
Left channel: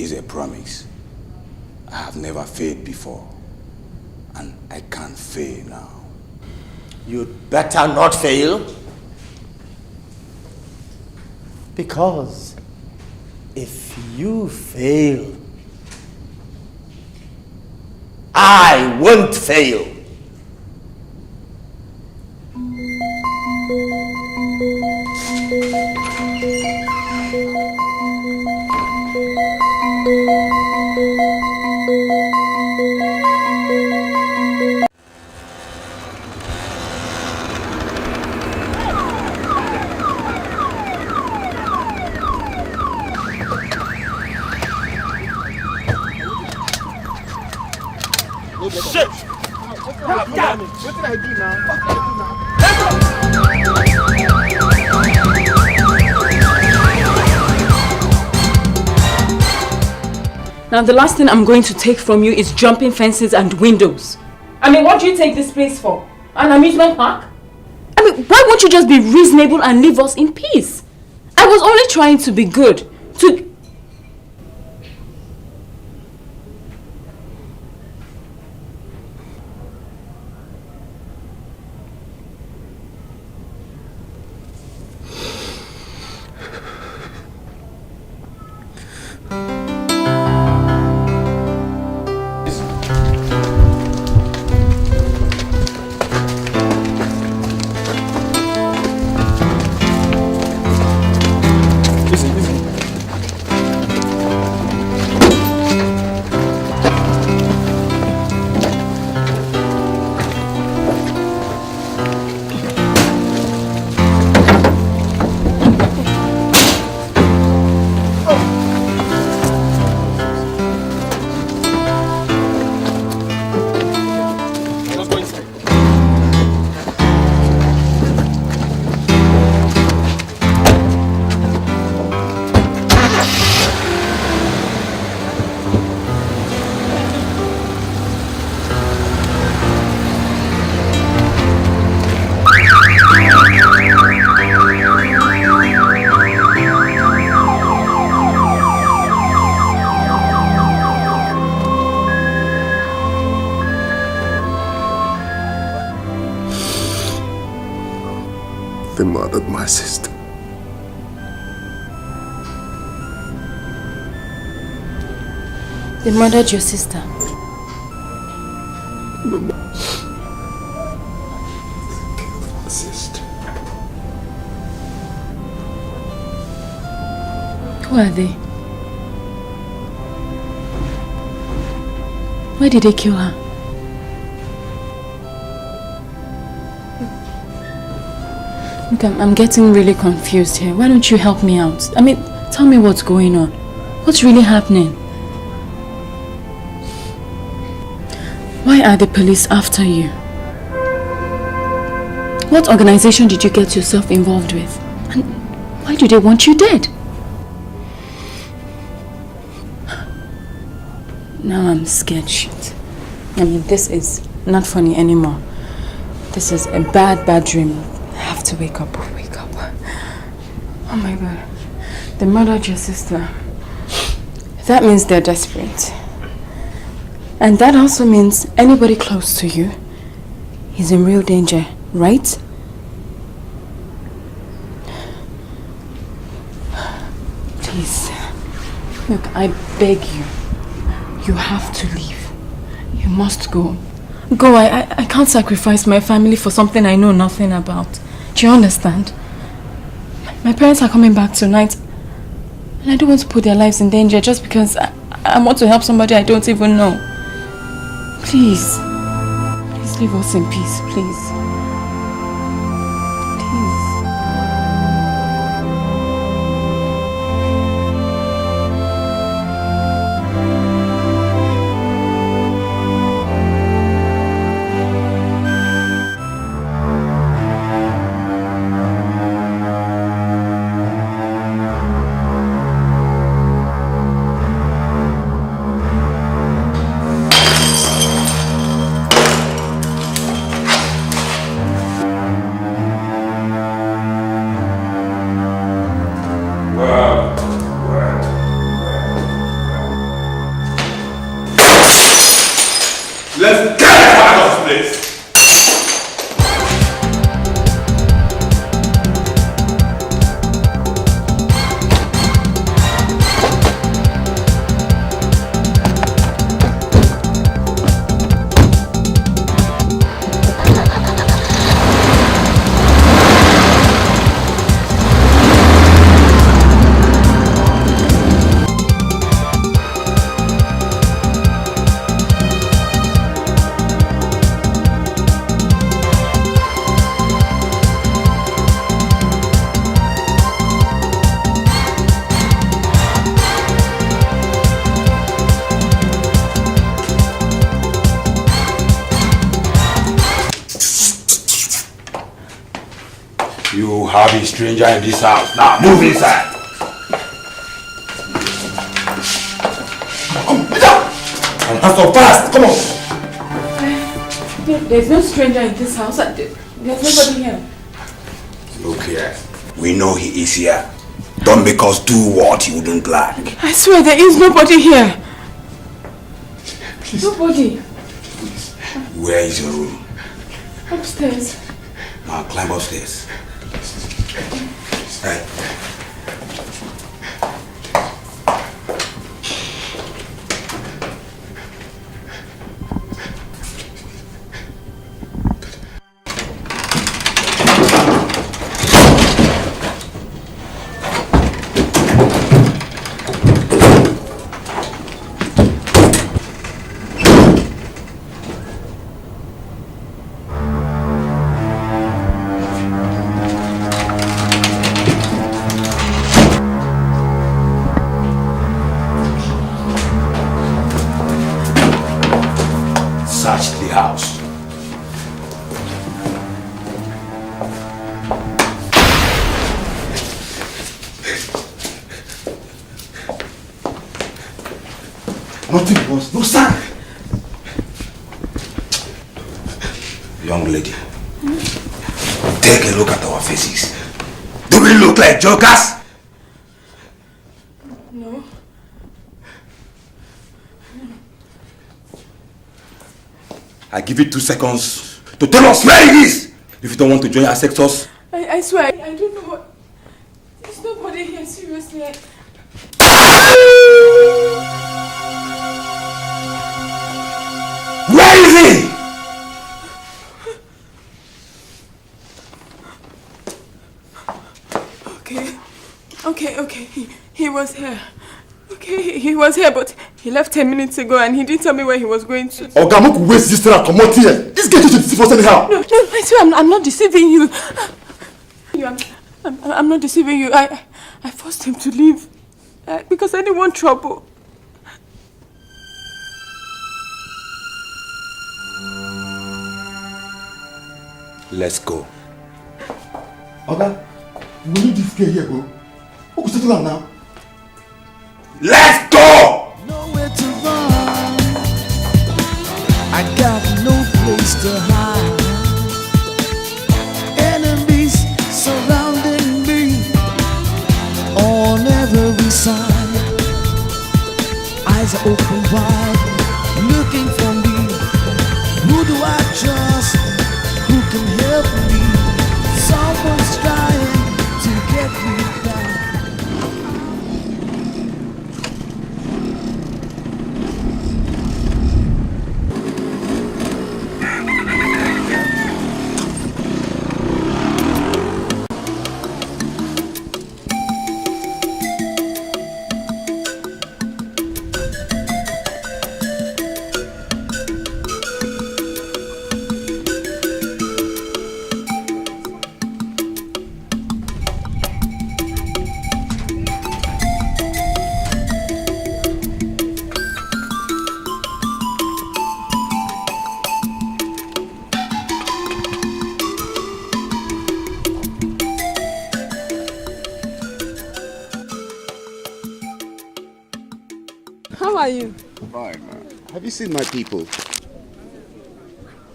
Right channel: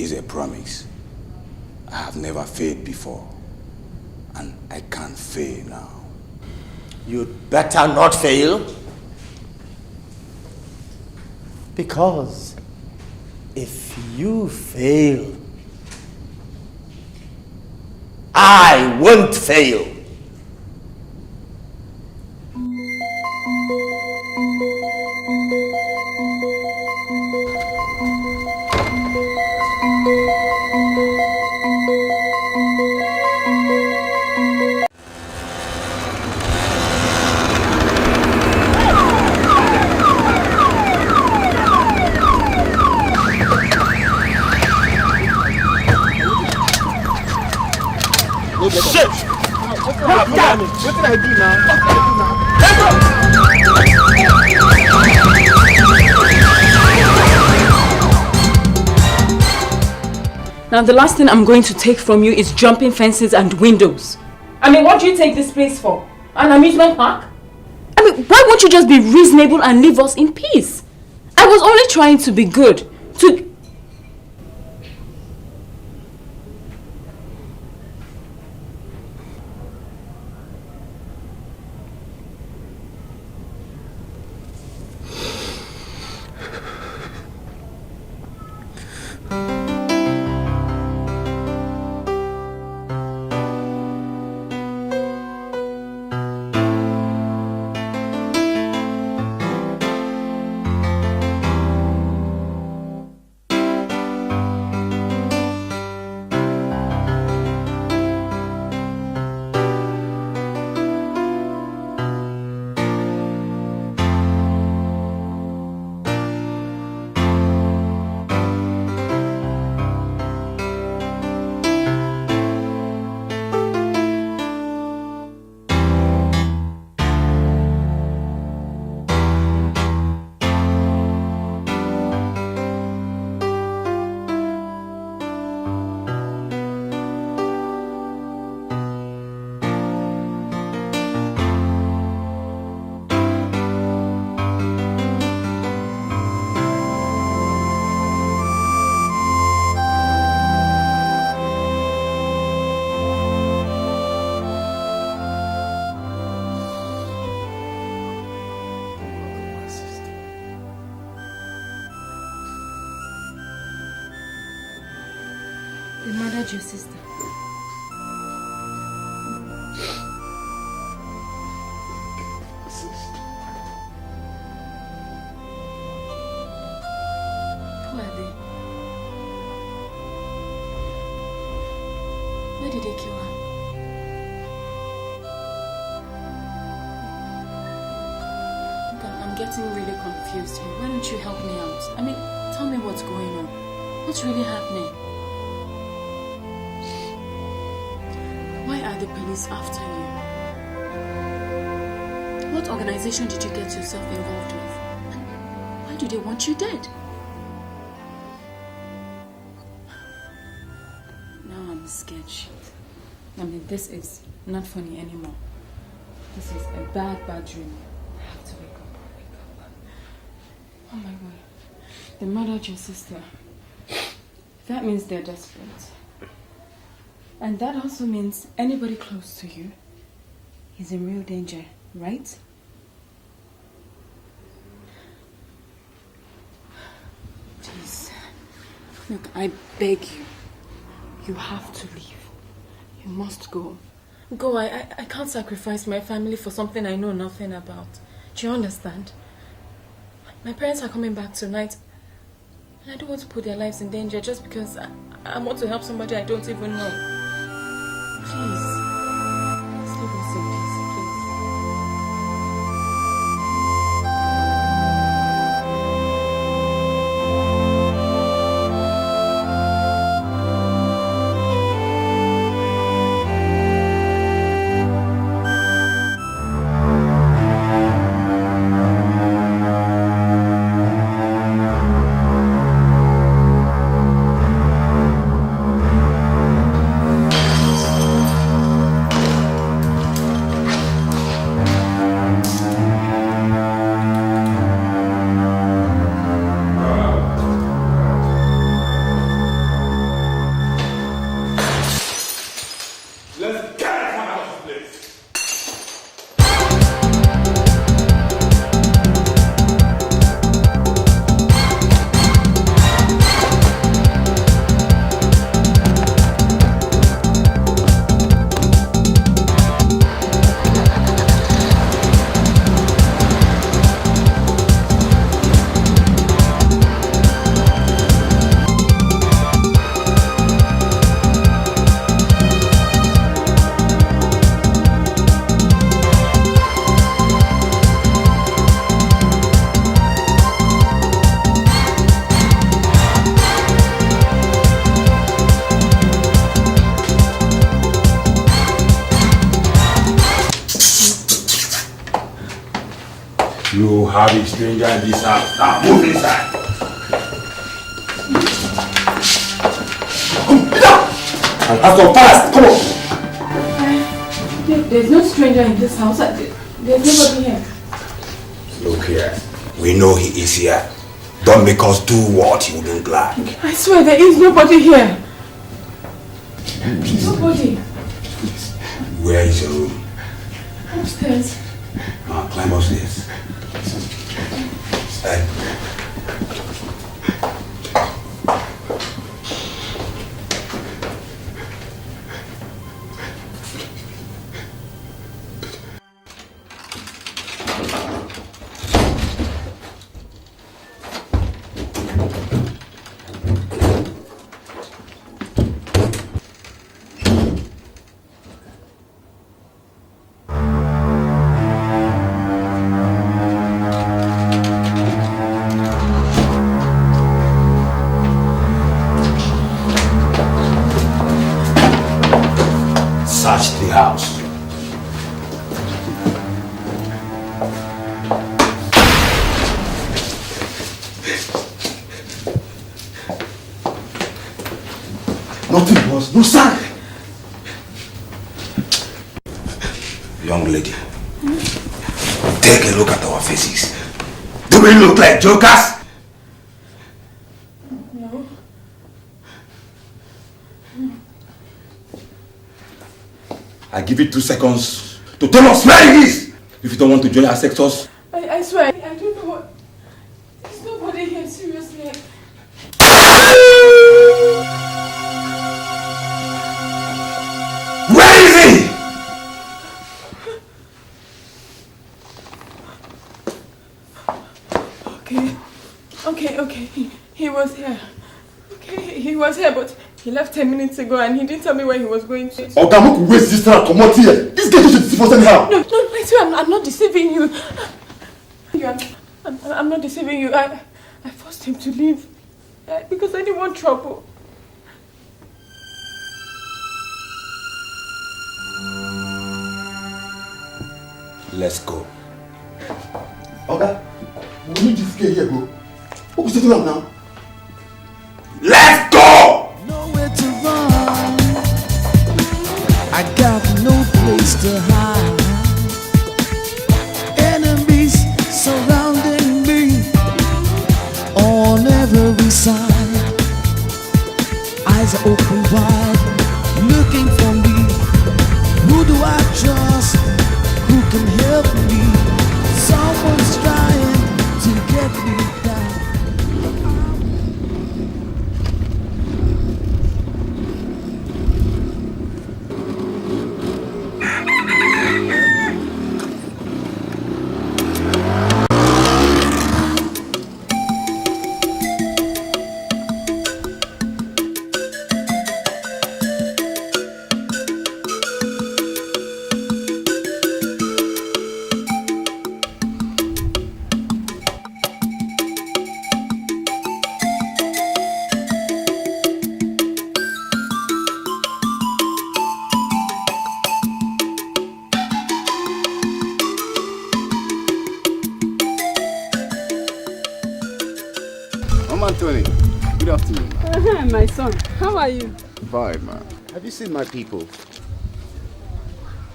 It's a promise. I have never failed before, and I can't fail now. You'd better not fail, because If you fail, I won't fail. Shit! What did I do now? Now the last thing I'm going to take from you is jumping fences and windows. I mean, what do you take this place for? An amusement park? I mean, why won't you just be reasonable and leave us in peace? I was only trying to be good. They murdered my sister. They murdered your sister. Who are they? Why did they kill her? Look, I'm getting really confused here. Why don't you help me out? I mean, tell me what's going on. What's really happening? Why are the police after you? What organization did you get yourself involved with? And why do they want you dead? Now I'm scared shit. I mean, this is not funny anymore. This is a bad dream. I have to wake up. Oh my God. They murdered your sister. That means they're desperate. And that also means anybody close to you is in real danger, right? Please. Look, I beg you. You have to leave. You must go. Go. I can't sacrifice my family for something I know nothing about. Do you understand? My parents are coming back tonight. And I don't want to put their lives in danger just because I want to help somebody I don't even know. Please. Please leave us in peace, please. any stranger in this house. Now move inside. And have some fast. Come on. There's no stranger in this house. There's nobody here. Look here. We know he is here. Don't make us do what he wouldn't like. I swear there is nobody here. Nobody. Where is your room? Upstairs. Now climb upstairs. Hey. Nothing was. No sign. Young lady, take a look at our faces. Do we look like jokers? No. I give you 2 seconds to tell us where it is. If you don't want to join our sectors. I swear, I don't know what. There's nobody here, seriously. Where is he? Okay. He was here. Okay, he was here, but he left 10 minutes ago and he didn't tell me where he was going to. Oh, God, I'm waste this time. Come out here. This guy should see us anyhow. No, I swear I'm not deceiving you. I'm not deceiving you. I forced him to leave because I didn't want trouble. Let's go. Okay. We need this guy here, bro. What we settle now? Let's go! Nowhere to run. I got no place to hide. Enemies surrounding me on every side. Eyes are open wide, looking for me. Who do I trust? Who can help me? Someone's trying to get me down. My son, how are you? Fine, ma. Have you seen my people?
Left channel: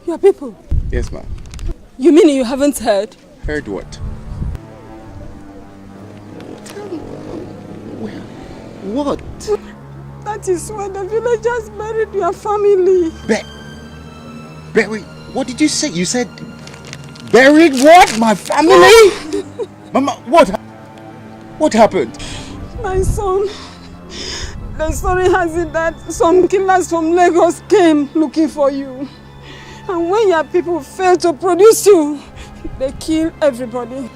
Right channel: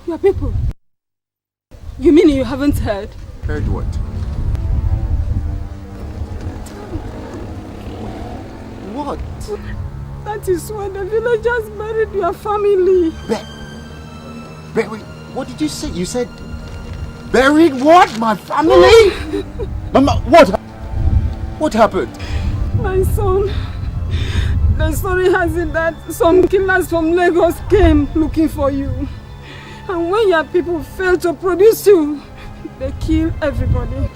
Your people? Yes, ma. You mean you haven't heard? Heard what? What? That is why the villagers buried your family. Wait, what did you say? You said buried what? My family? What? What happened? My son, the story has it that some killers from Lagos came looking for you. And when your people failed to produce you, they killed everybody.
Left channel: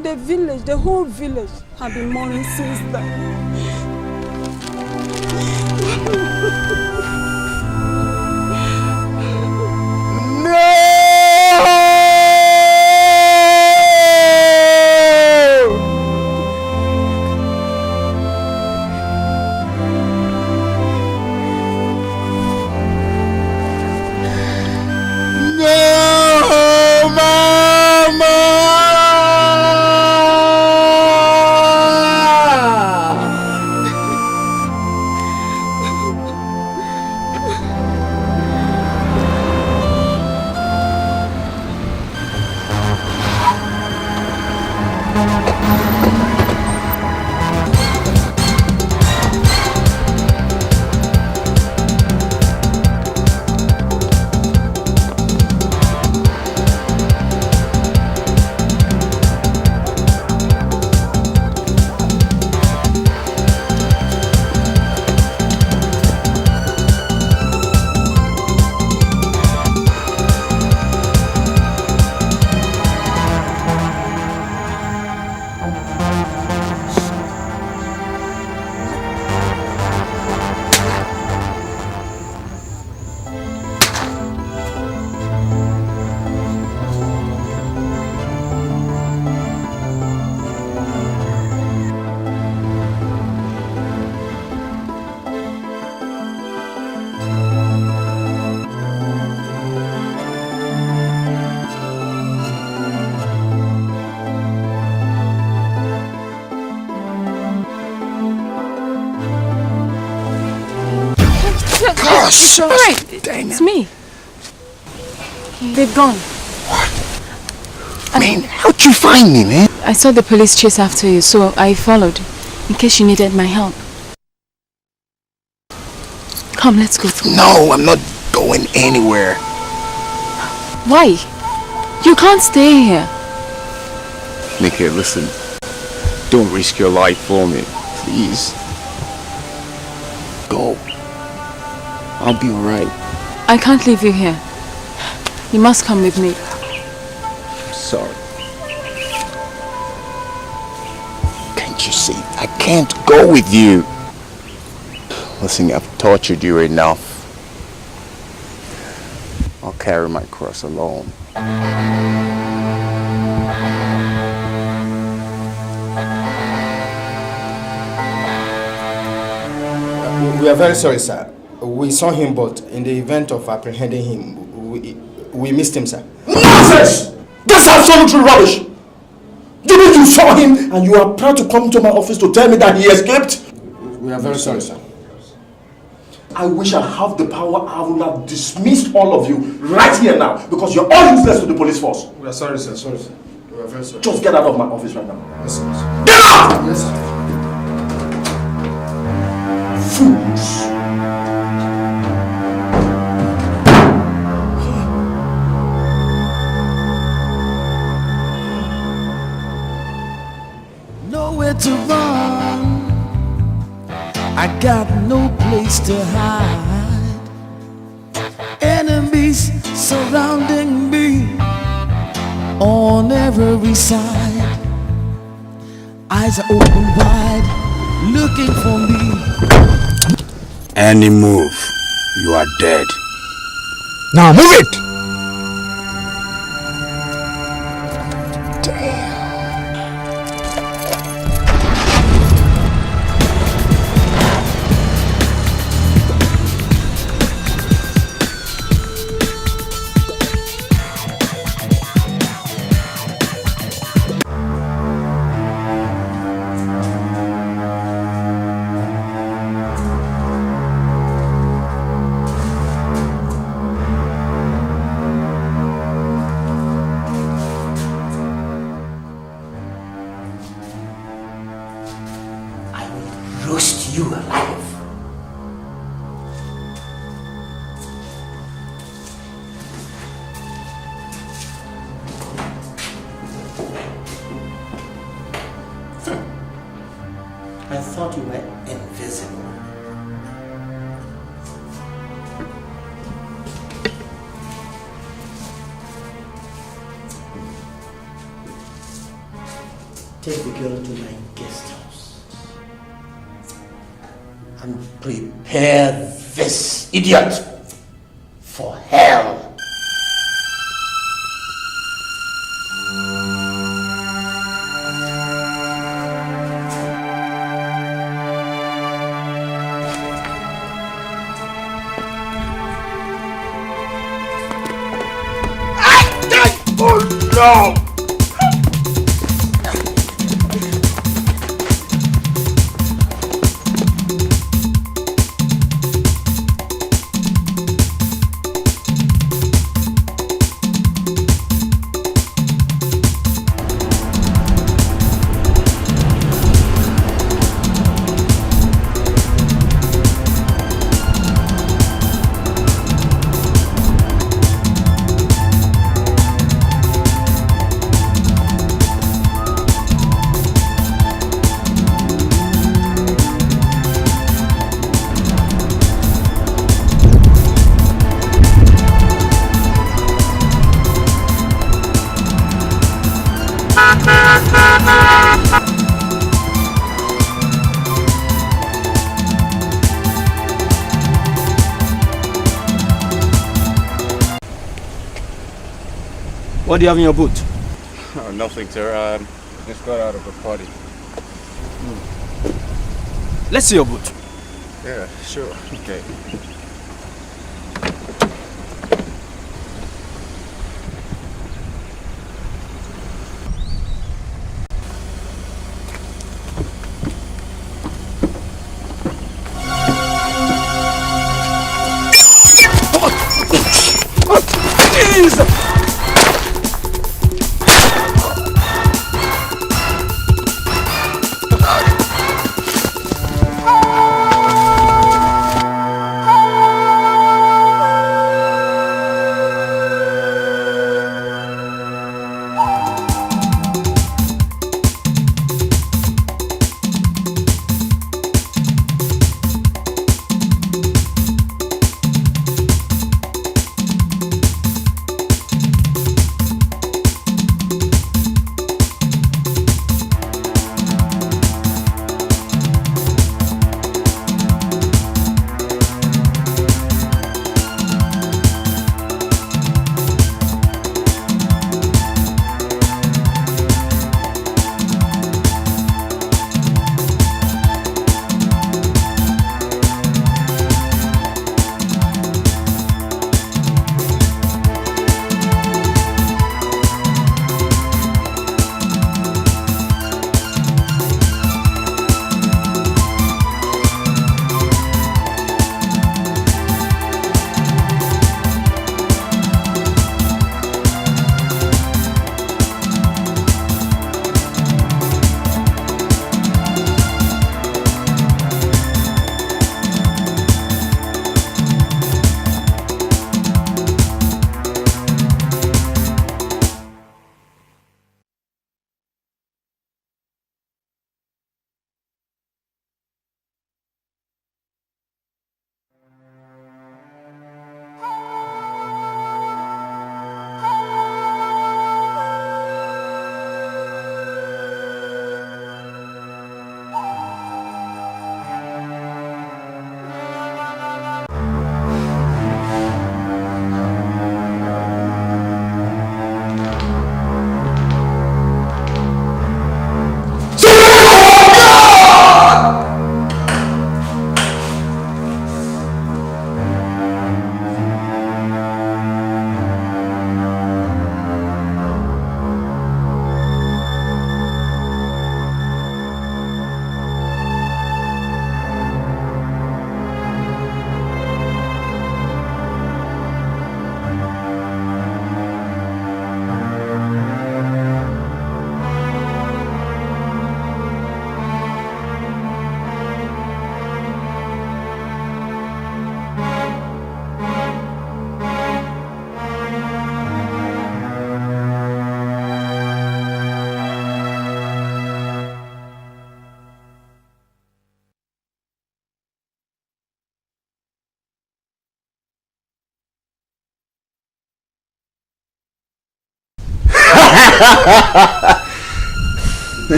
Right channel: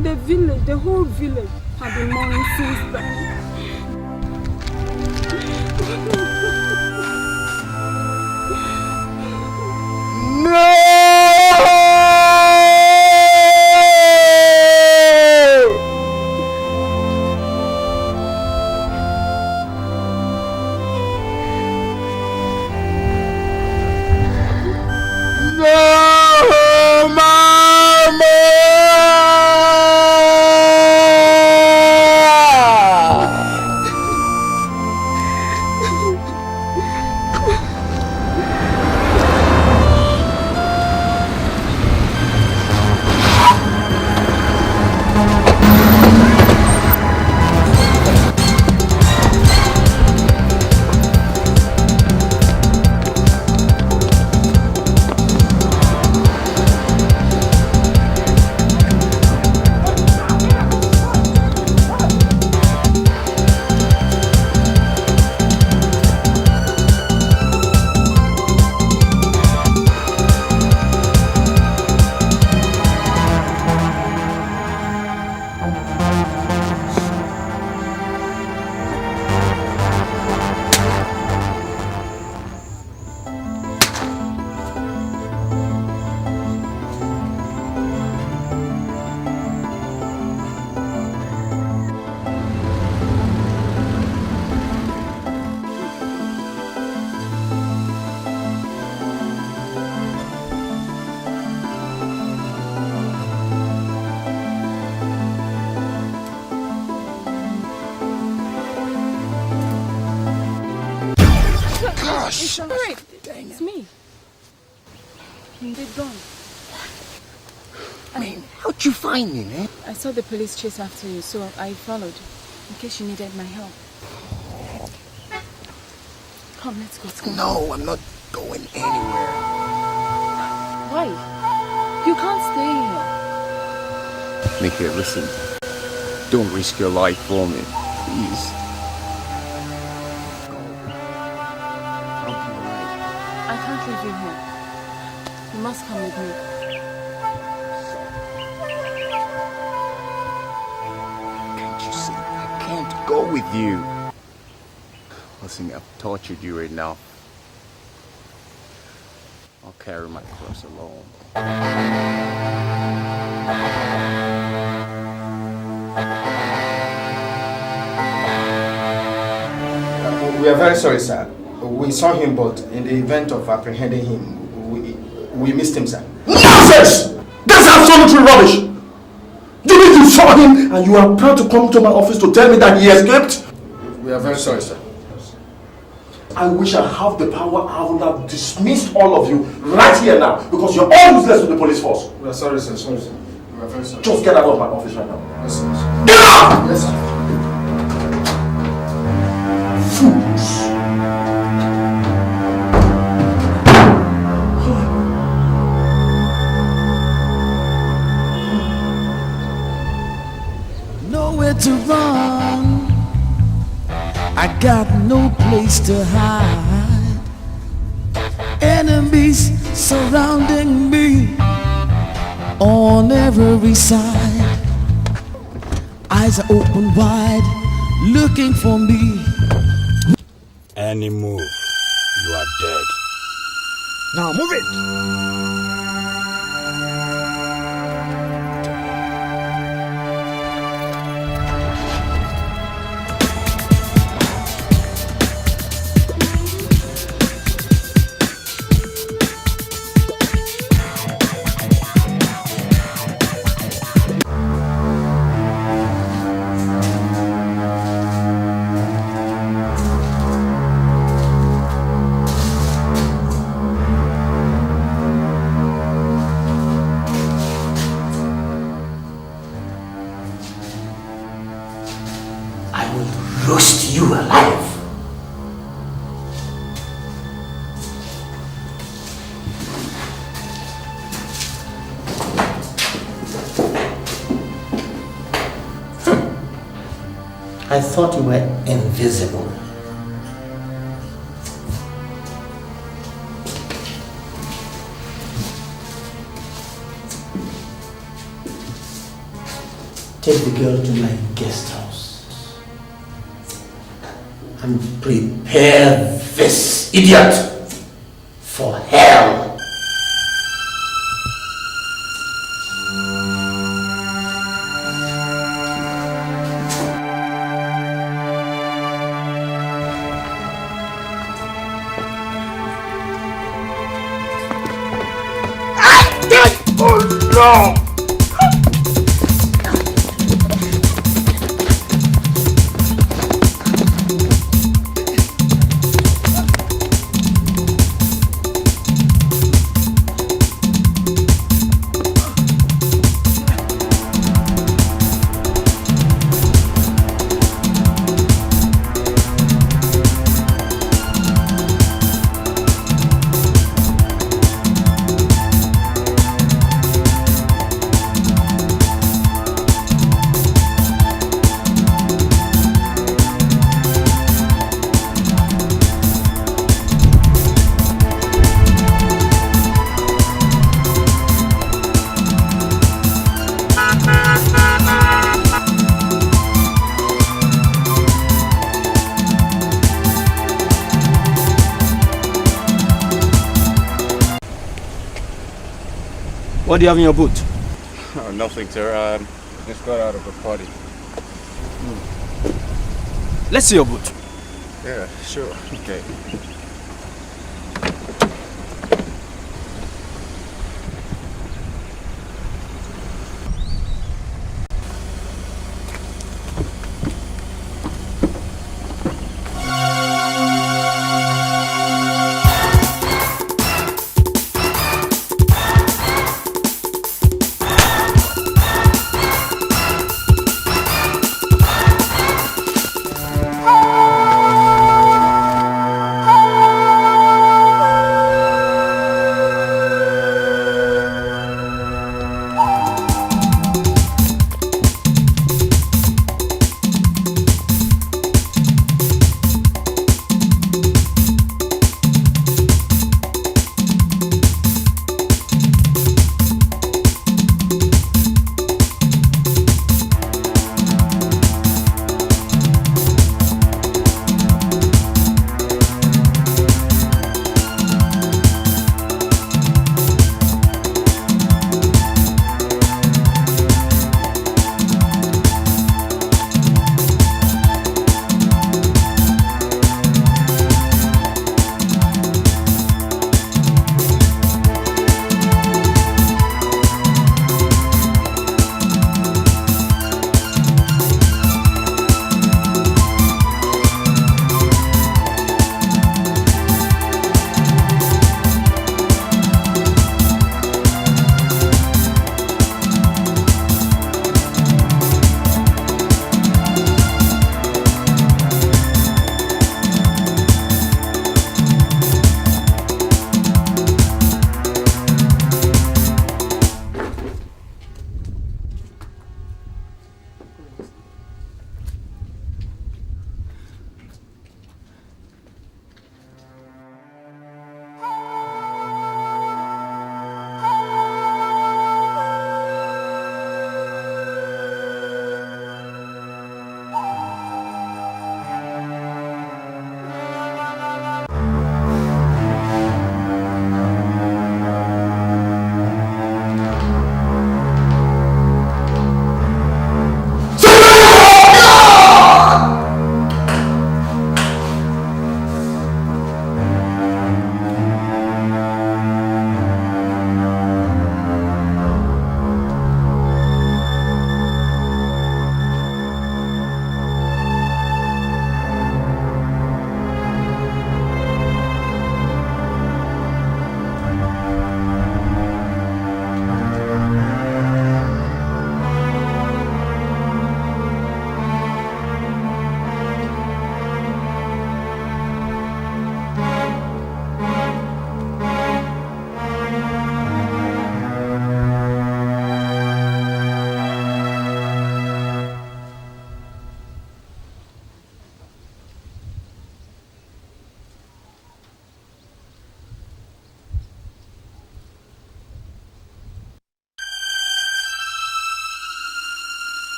The village, the whole village, have been mourning since then. It's alright. It's me. They've gone. I mean, how'd you find me, man? I saw the police chase after you, so I followed, in case you needed my help. Come, let's go through. No, I'm not going anywhere. Why? You can't stay here. Dikeh, listen. Don't risk your life for me, please. Go. I'll be alright. I can't leave you here. You must come with me. Sorry. Can't you see? I can't go with you. Listen, I've tortured you enough. I'll carry my cross alone. We are very sorry, sir. We saw him, but in the event of apprehending him, we missed him, sir. Nonsense! That's absolutely rubbish! You mean you saw him and you are proud to come to my office to tell me that he escaped? We are very sorry, sir. I wish I have the power. I would have dismissed all of you right here now because you're all useless to the police force. We are sorry, sir. Sorry, sir. We are very sorry. Just get out of my office right now. Yes, sir. Get out! Yes, sir. Fools. Nowhere to run, I got no place to hide. Enemies surrounding me on every side. Eyes are open wide, looking for me. Any move, you are dead. Now move it! Roast you alive. I thought you were invisible. Take the girl to my guest house and prepare this idiot for hell. Oh no! What do you have in your boot? Oh, nothing, sir. Just got out of a party. Let's see your boot. Yeah, sure. Okay. hands!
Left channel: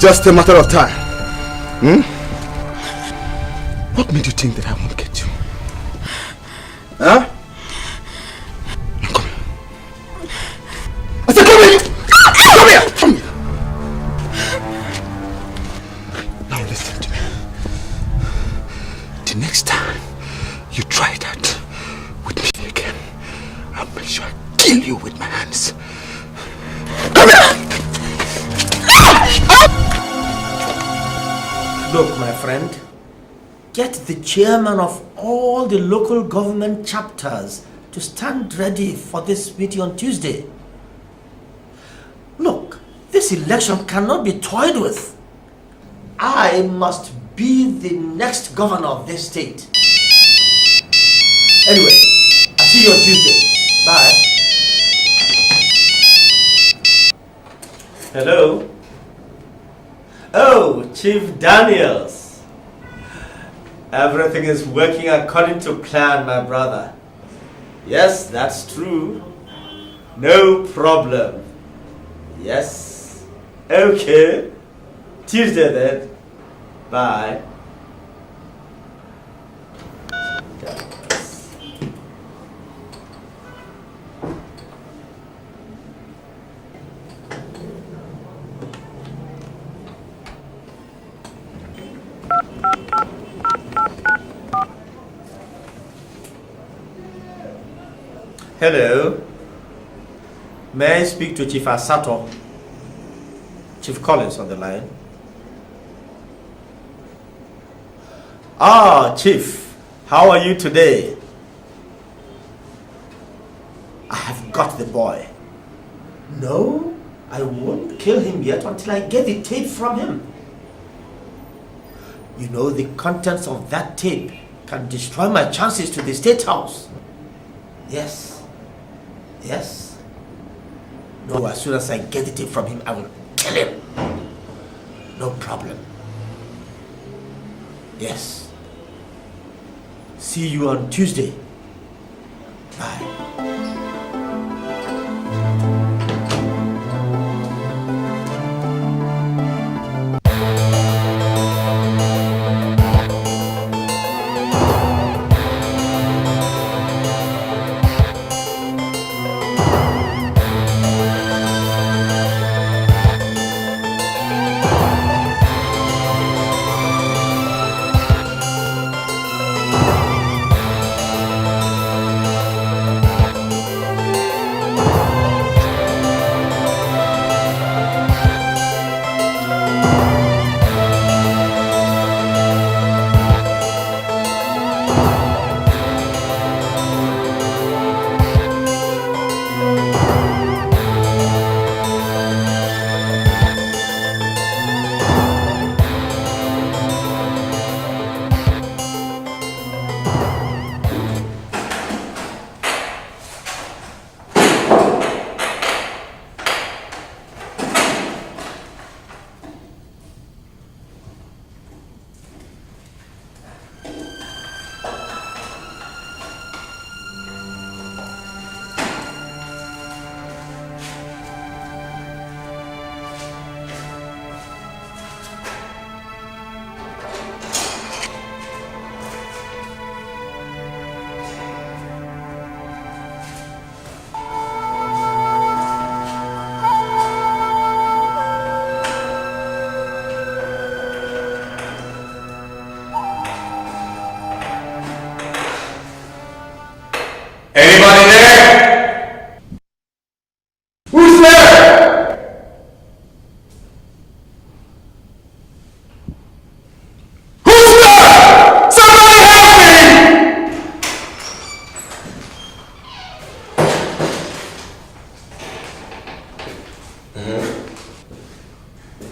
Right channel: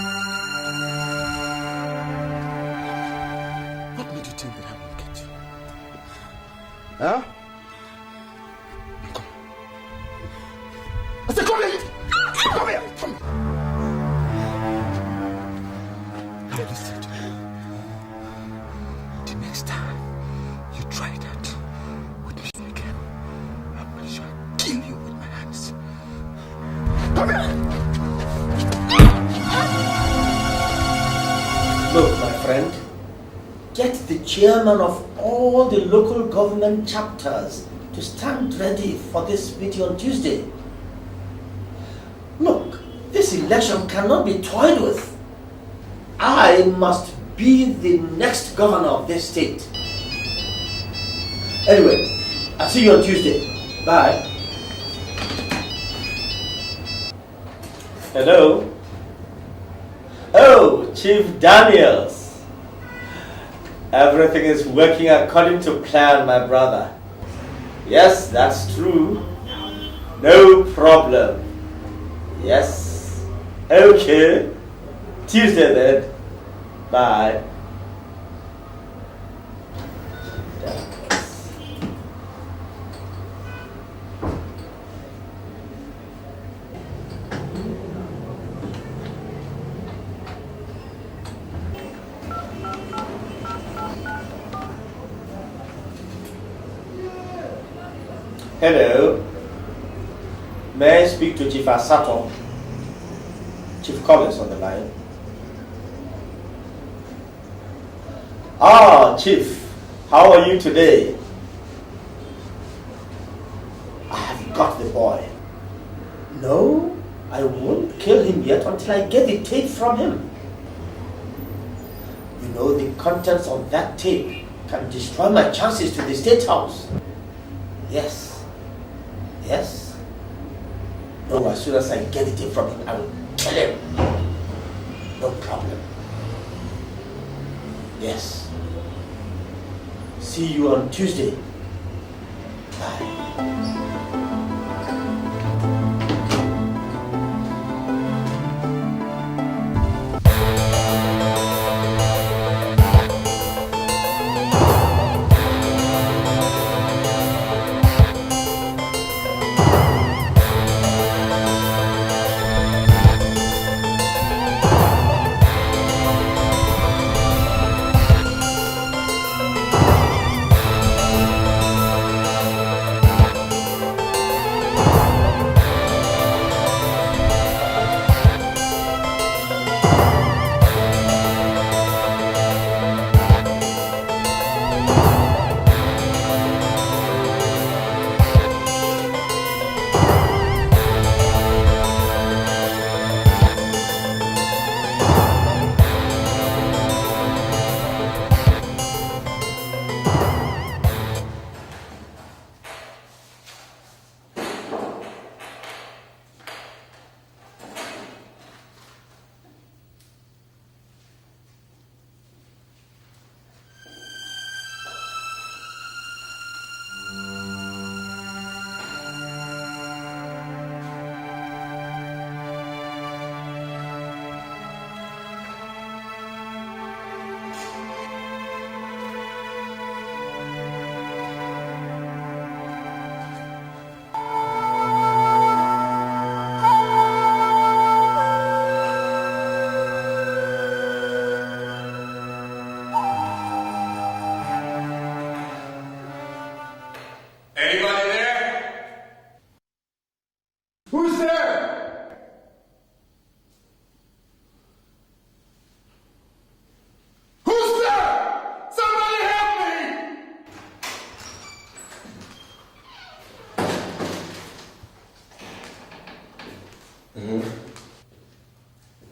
Just a matter of time. What made you think that I won't get you? Huh? Now come here. I said come here! Come here! Come here! Now listen to me. The next time you try that with me again, I'll make sure I kill you with my hands. Come here! Look, my friend, get the chairman of all the local government chapters to stand ready for this meeting on Tuesday. Look, this election cannot be toyed with. I must be the next governor of this state. Anyway, I'll see you on Tuesday. Bye. Hello? Oh, Chief Daniels. Everything is working according to plan, my brother. Yes, that's true. No problem. Yes. Okay. Tuesday then. Bye. Hello. May I speak to Chief Asato? Chief Collins on the line. Ah, Chief. How are you today? No, I won't kill him yet until I get the tape from him. You know, the contents of that tape can destroy my chances to the State House. Yes. Yes. No, as soon as I get the tape from him, I will kill him. No problem. Yes. See you on Tuesday. Bye.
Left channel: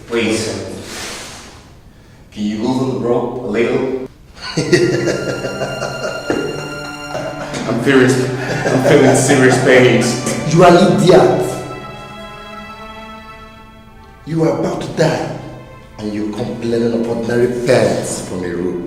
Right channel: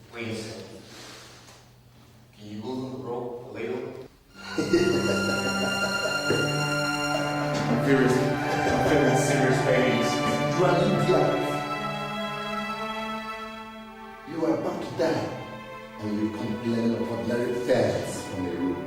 Please, can you loosen the rope a little? I'm feeling serious pains. You are an idiot. You are about to die, and you complain of ordinary parents from a room.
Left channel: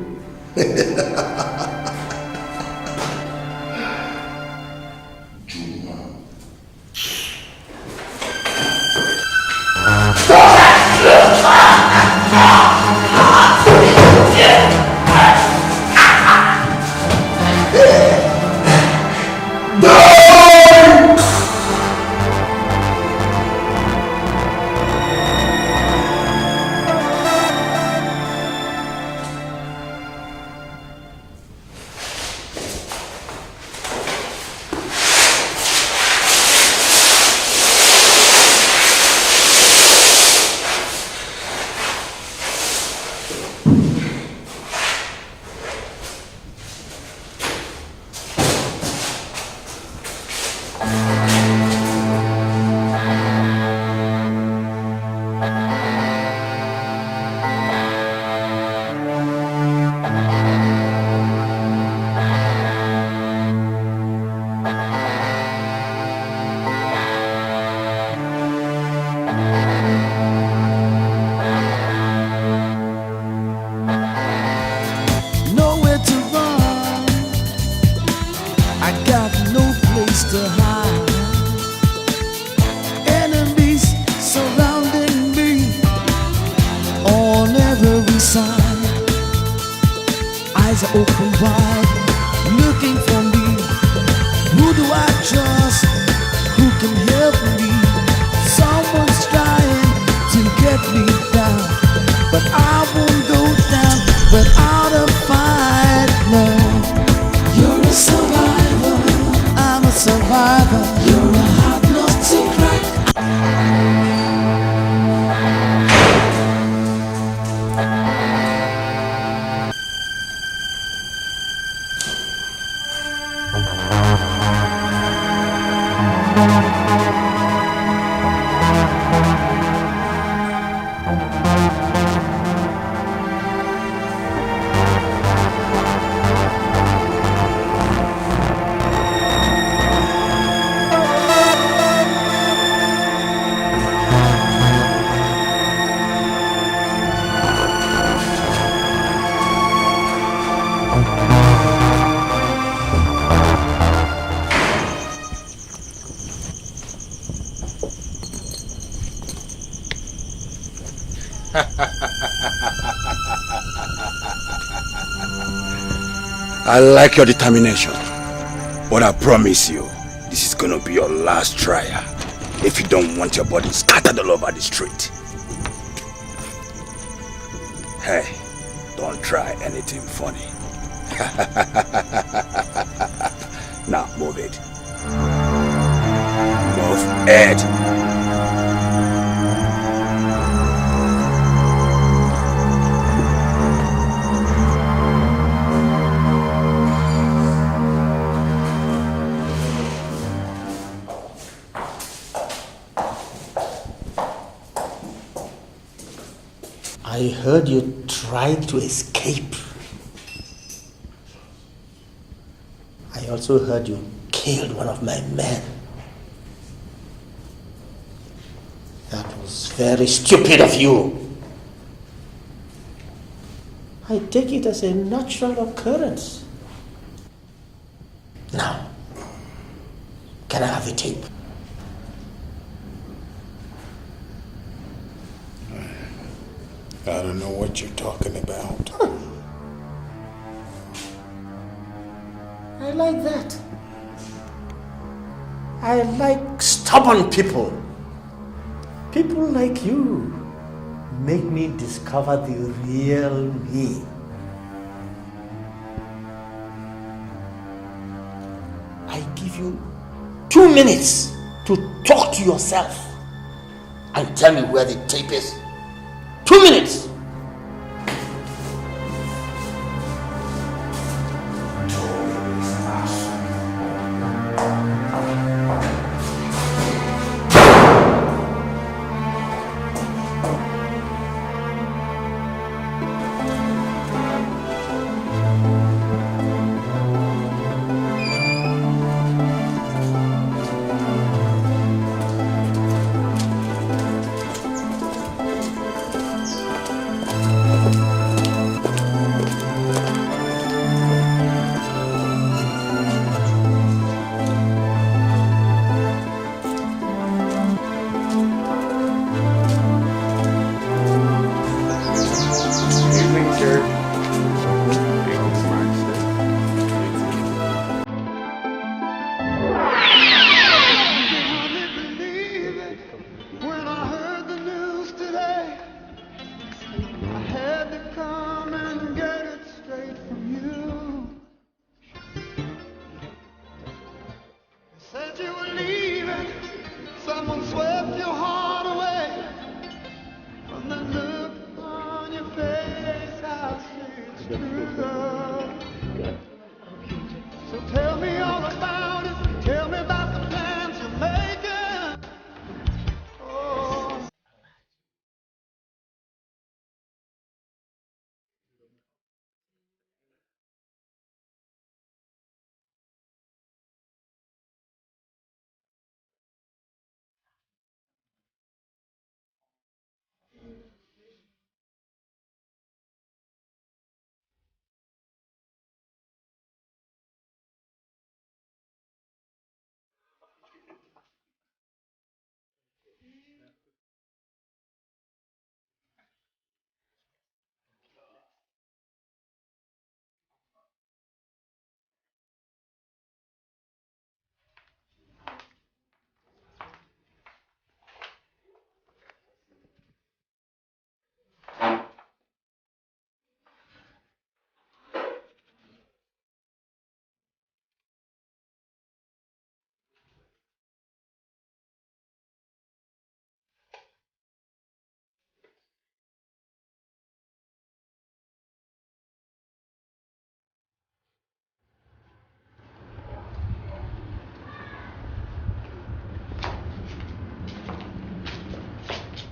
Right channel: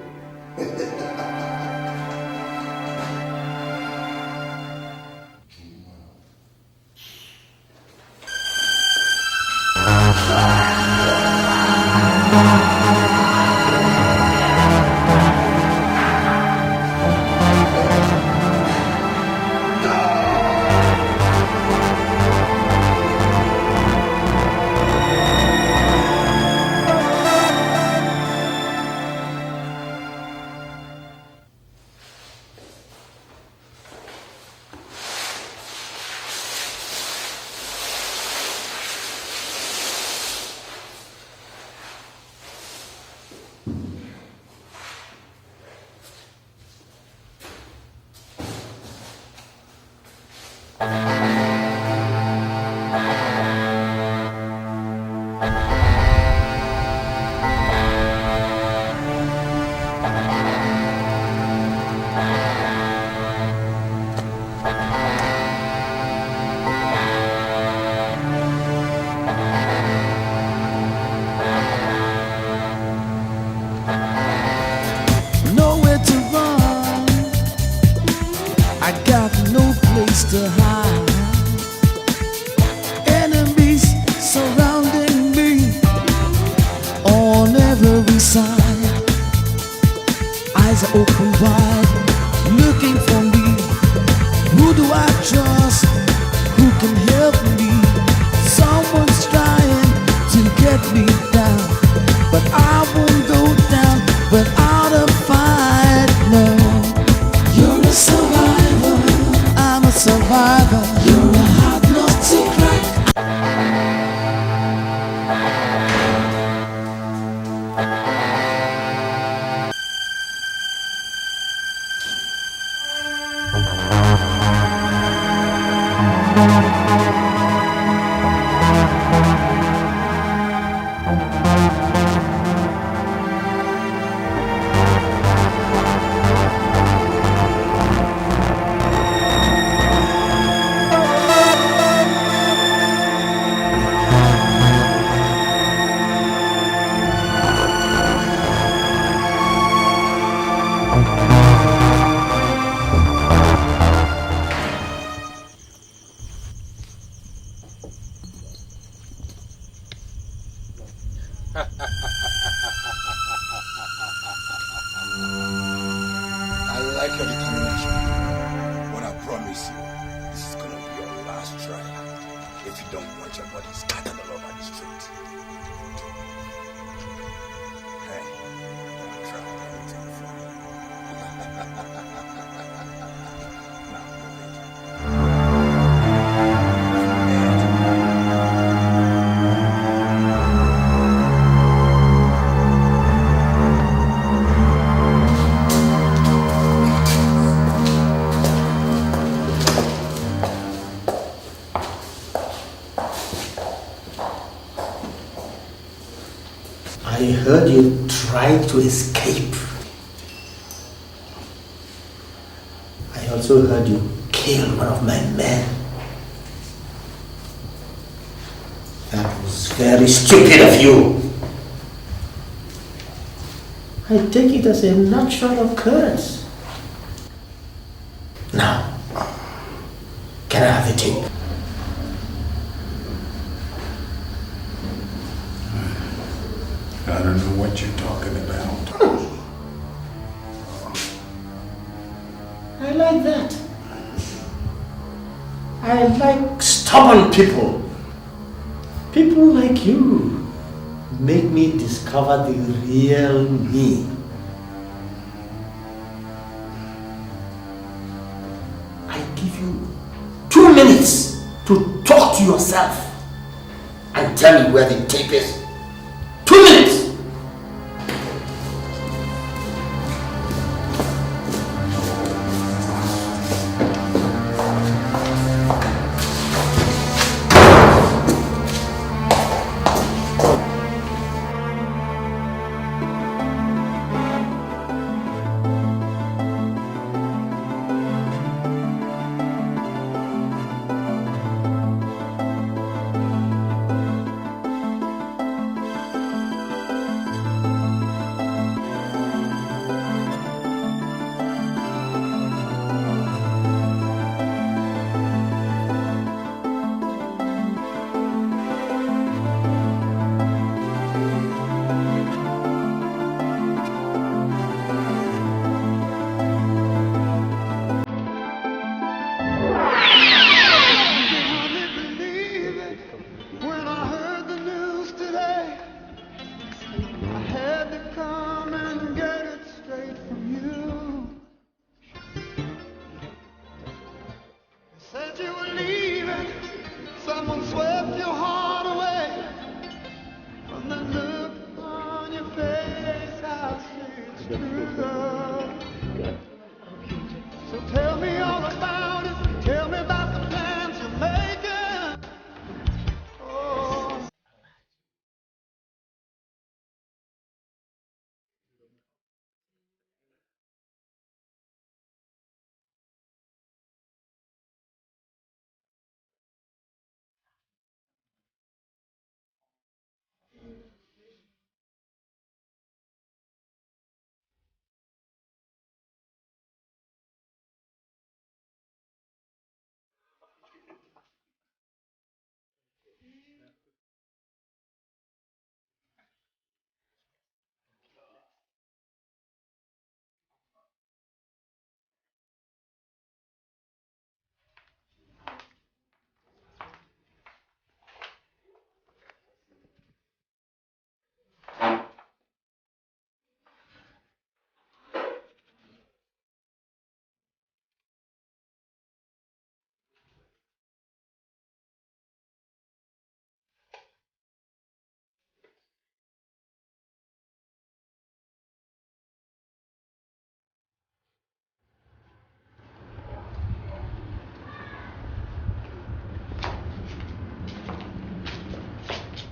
Nowhere to run, I got no place to hide. Enemies surrounding me on every side. Eyes are open wide, looking for me. Who do I trust? Who can help me? Someone's trying to get me down, but I won't go down without a fight. No, you're a survivor. I'm a survivor. You're a hard nut to crack. I like your determination. But I promise you, this is gonna be your last trial. If you don't want your body scattered all over the street. Hey, don't try anything funny. Now, move it. Move it. I heard you tried to escape. I also heard you killed one of my men. That was very stupid of you. I take it as a natural occurrence. Now, can I have the tape? I don't know what you're talking about. I like that. I like stubborn people. People like you make me discover the real me. I give you 2 minutes to talk to yourself and tell me where the tape is. 2 minutes!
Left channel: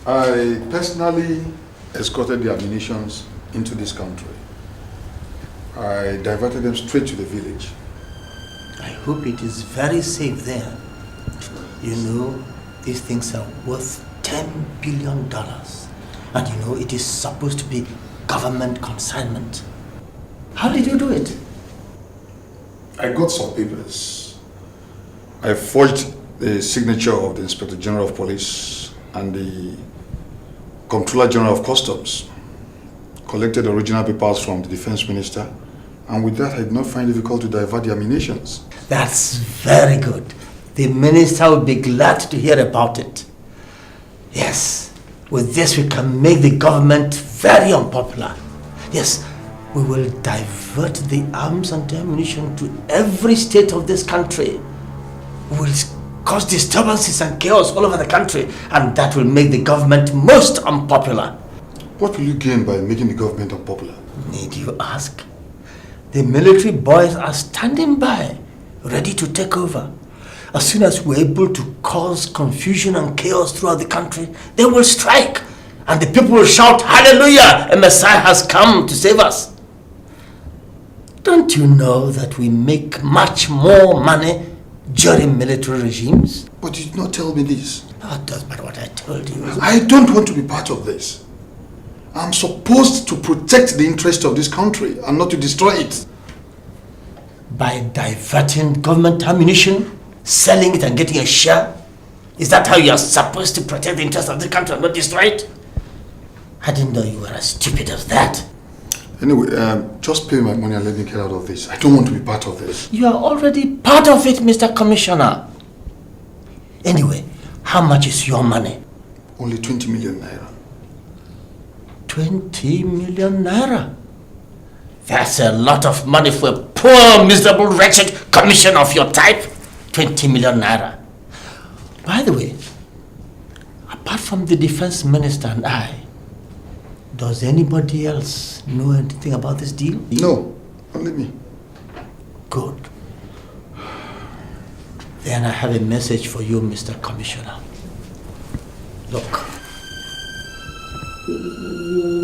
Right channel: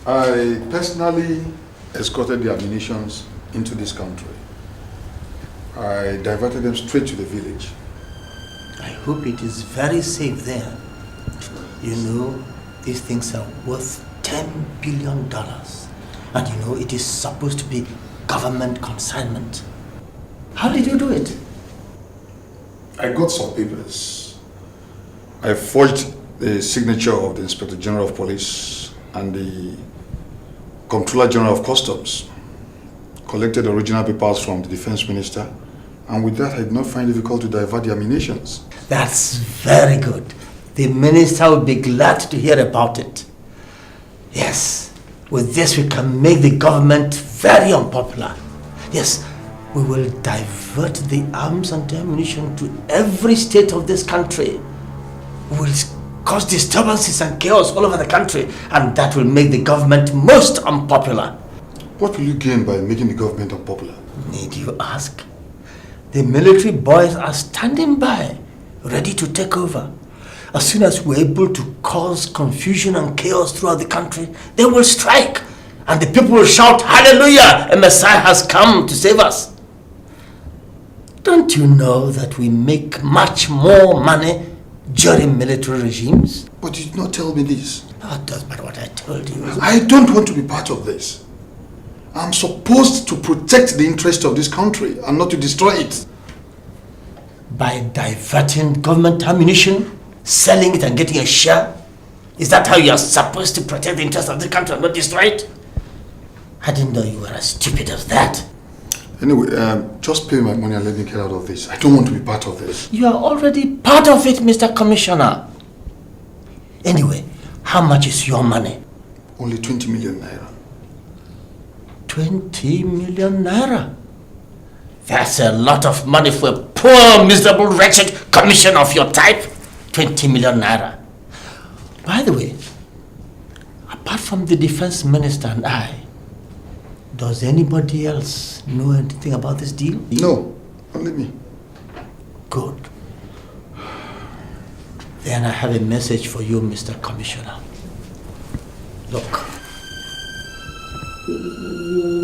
I personally escorted the ammunitions into this country. I diverted them straight to the village. I hope it is very safe there. You know, these things are worth $10 billion. And you know, it is supposed to be government consignment. How did you do it? I got some papers. I forged the signature of the Inspector General of Police and the Comptroller General of Customs, collected original papers from the Defense Minister And with that, I did not find it difficult to divert the ammunitions. That's very good. The minister will be glad to hear about it. Yes, with this we can make the government very unpopular. Yes, we will divert the arms and ammunition to every state of this country. We will cause disturbances and chaos all over the country, and that will make the government most unpopular. What will you gain by making the government unpopular? Need you ask? The military boys are standing by, ready to take over. As soon as we're able to cause confusion and chaos throughout the country, they will strike, and the people will shout, "Hallelujah! A Messiah has come to save us." Don't you know that we make much more money during military regimes? But you did not tell me this. No, it doesn't matter what I told you. I don't want to be part of this. I'm supposed to protect the interest of this country and not to destroy it. By diverting government ammunition, selling it and getting a share? Is that how you are supposed to protect the interest of the country and not destroy it? I didn't know you were as stupid as that. Anyway, just pay my money and let me get out of this. I don't want to be part of this. You are already part of it, Mr. Commissioner. Anyway, how much is your money? Only 20 million naira. 20 million naira? That's a lot of money for a poor, miserable, wretched commissioner of your type. 20 million naira. By the way, apart from the defense minister and I, does anybody else know anything about this deal? No, only me. Good. Then I have a message for you, Mr. Commissioner. Look.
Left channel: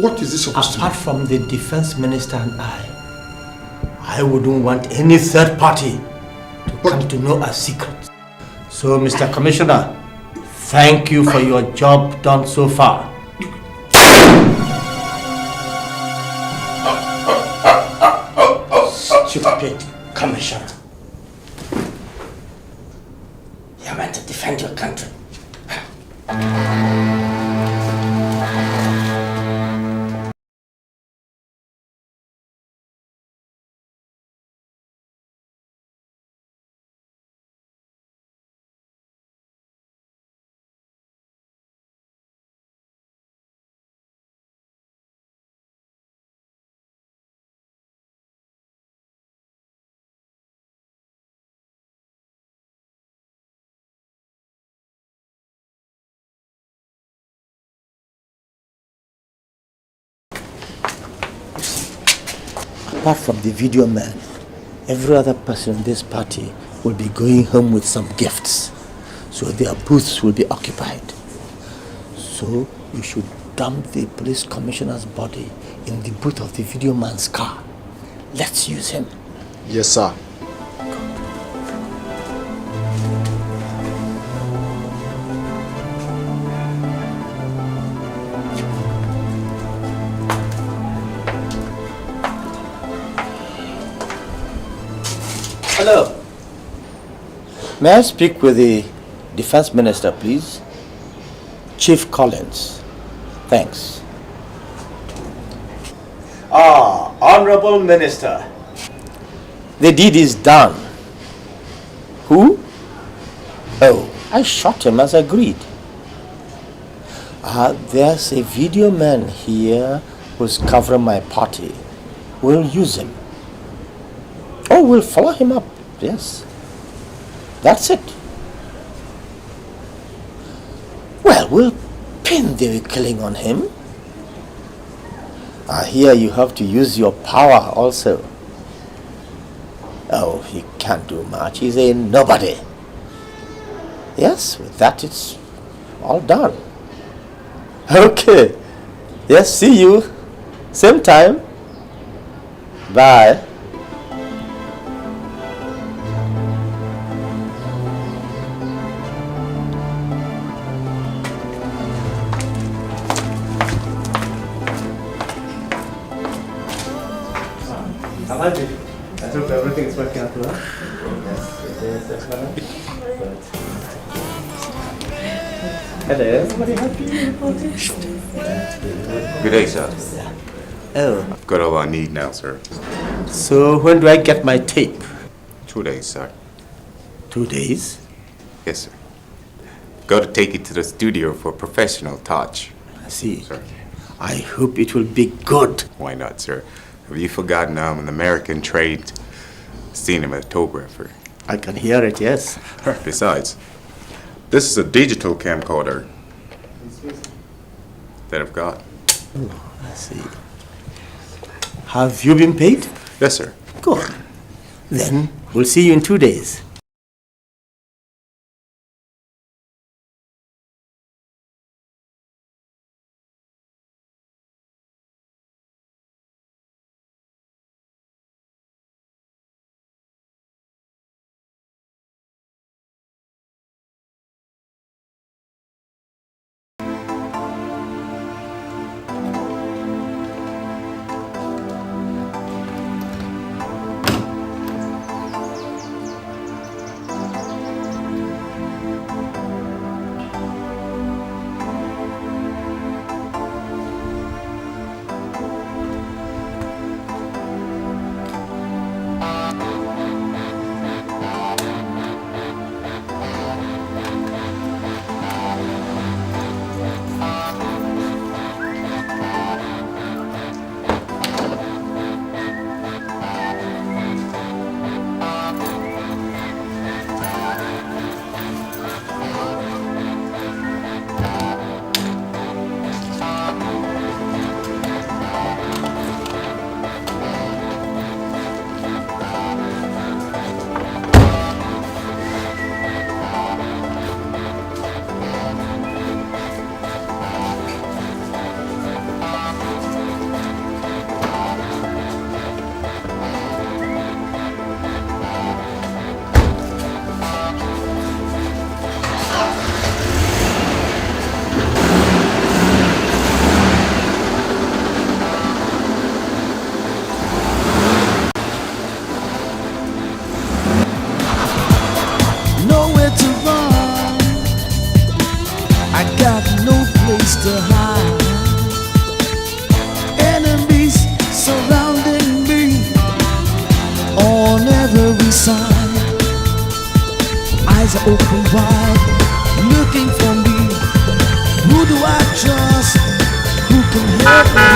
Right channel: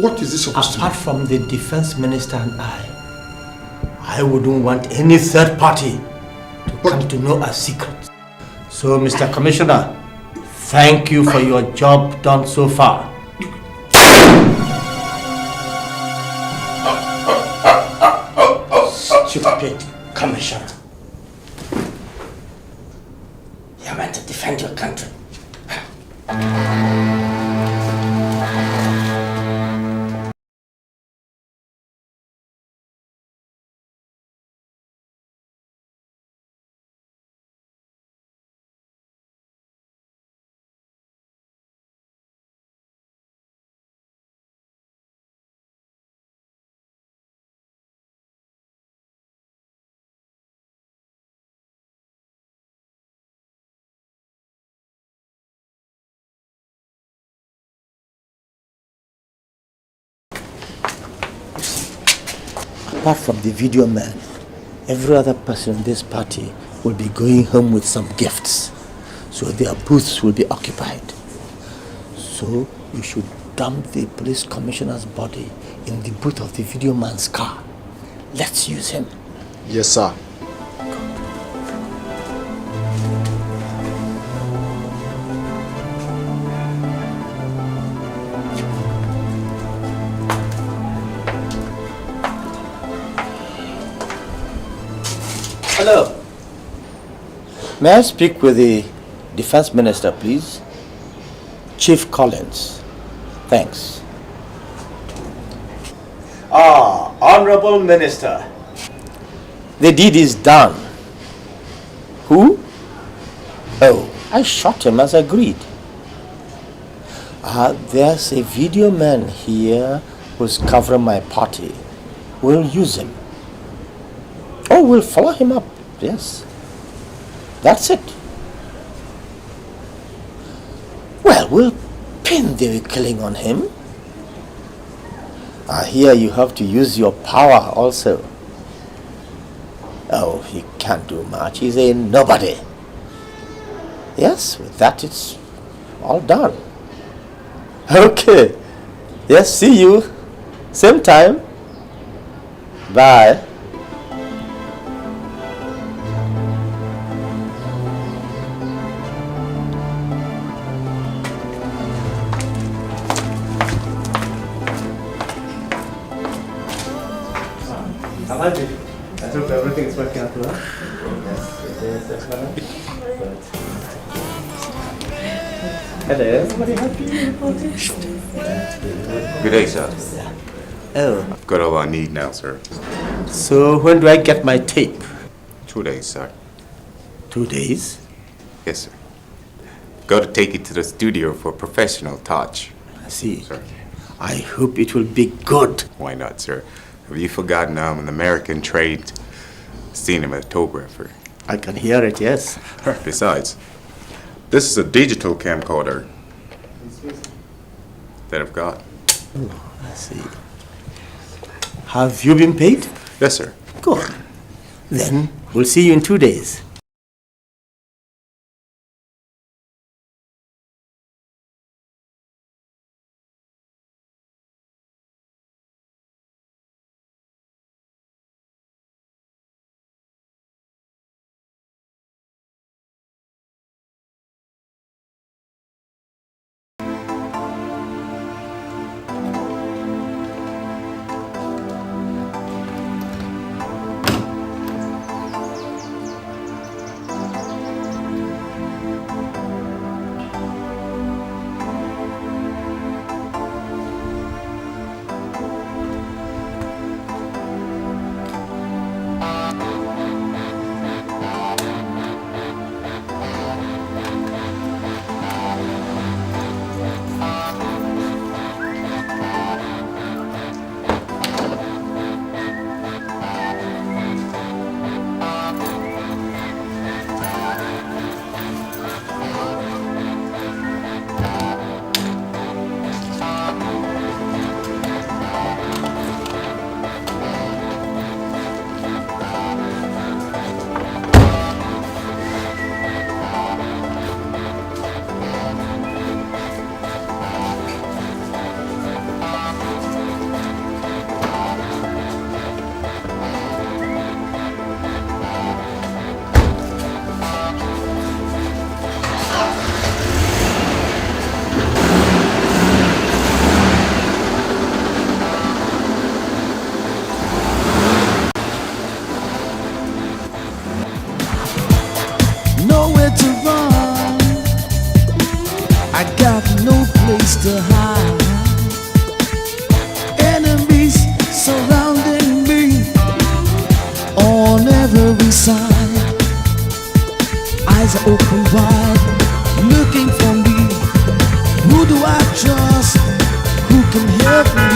What is this supposed to be? Apart from the defense minister and I wouldn't want any third party to come to know our secret. So, Mr. Commissioner, thank you for your job done so far. Stupid Commissioner. You're meant to defend your country. Apart from the video man, every other person in this party will be going home with some gifts. So their booths will be occupied. So you should dump the police commissioner's body in the boot of the video man's car. Let's use him. Yes, sir. Hello. May I speak with the defense minister, please? Chief Collins. Thanks. Honorable Minister. The deed is done. Who? Oh, I shot him as agreed. There's a video man here who's covering my party. We'll use him. Oh, we'll follow him up. Yes. That's it. Well, we'll pin the killing on him. Here you have to use your power also. Oh, he can't do much. He's a nobody. Yes, with that it's all done. Okay. Yes, see you. Same time. Bye. I hope everything is working out well. Yes, it is. Excellent. Hello, everybody happy? Good day, sir. Oh. I've got all I need now, sir. So when do I get my tape? 2 days, sir. 2 days? Yes, sir. Got to take it to the studio for professional touch. I see. Sir. I hope it will be good. Why not, sir? Have you forgotten I'm an American trained cinematographer? I can hear it, yes. Besides, this is a digital camcorder that I've got. Oh, I see. Have you been paid? Yes, sir. Good. Then we'll see you in 2 days. Nowhere to run, I got no place to hide. Enemies surrounding me on every side. Eyes are open wide, looking for me. Who do I trust? Who can help me?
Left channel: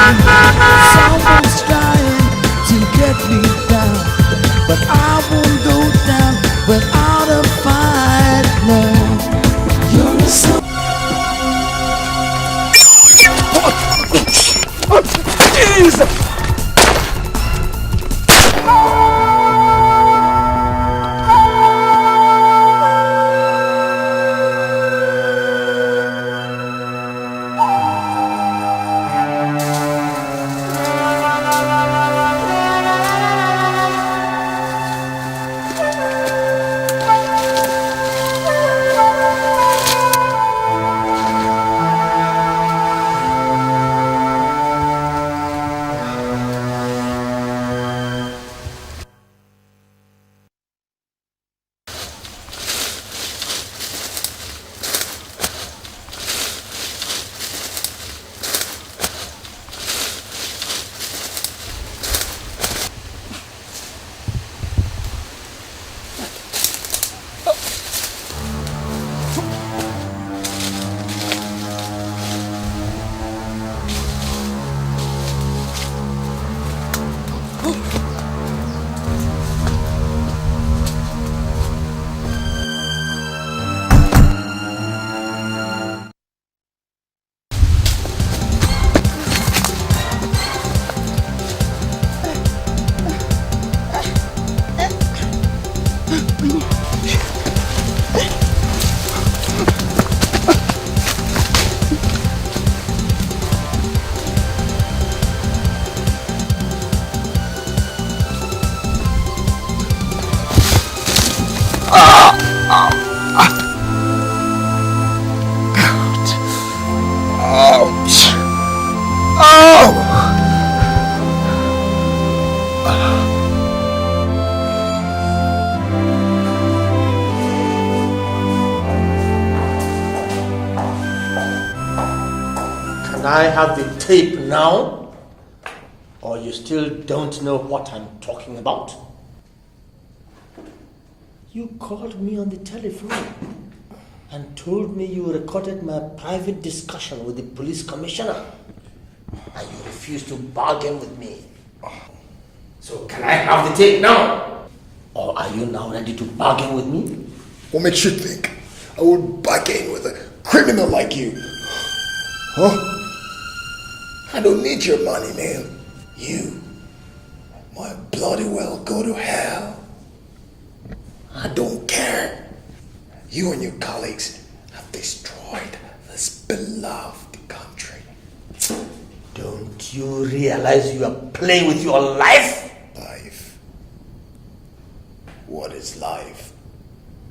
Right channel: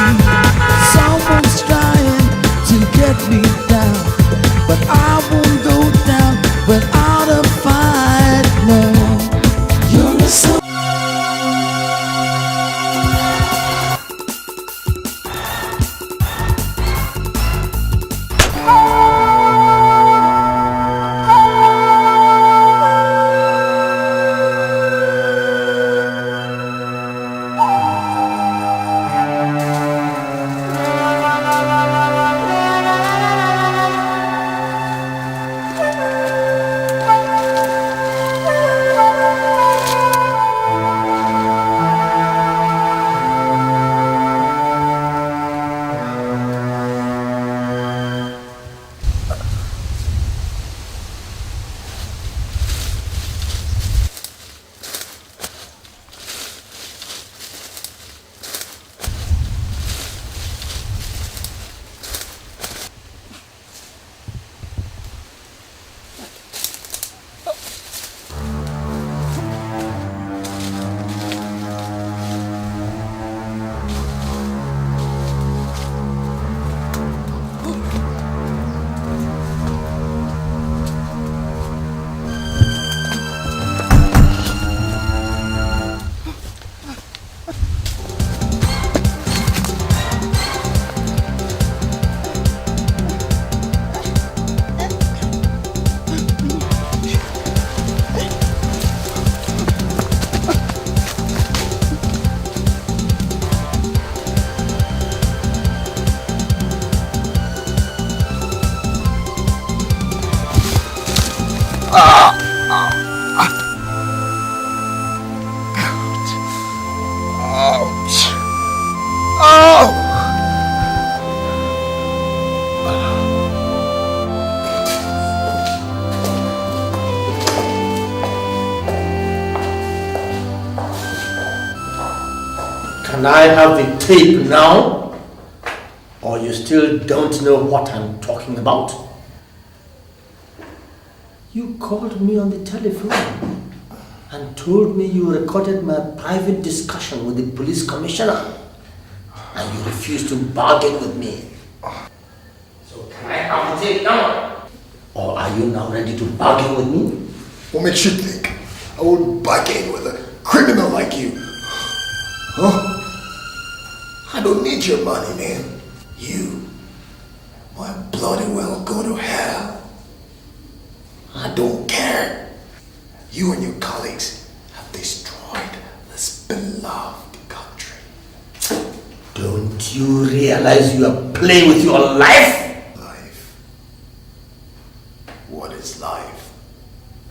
Someone's trying to get me down, but I won't go down without a fight. No, you're a soul. Can I have the tape now? Or you you still don't know what I'm talking about? You called me on the telephone and told me you recorded my private discussion with the police commissioner, and you refused to bargain with me. So can I have the tape now? Or are you now ready to bargain with me? What makes you think I would bargain with a criminal like you? Huh? I don't need your money, man. You might bloody well go to hell. I don't care. You and your colleagues have destroyed this beloved country. Don't you realize you are playing with your life? Life? What is life?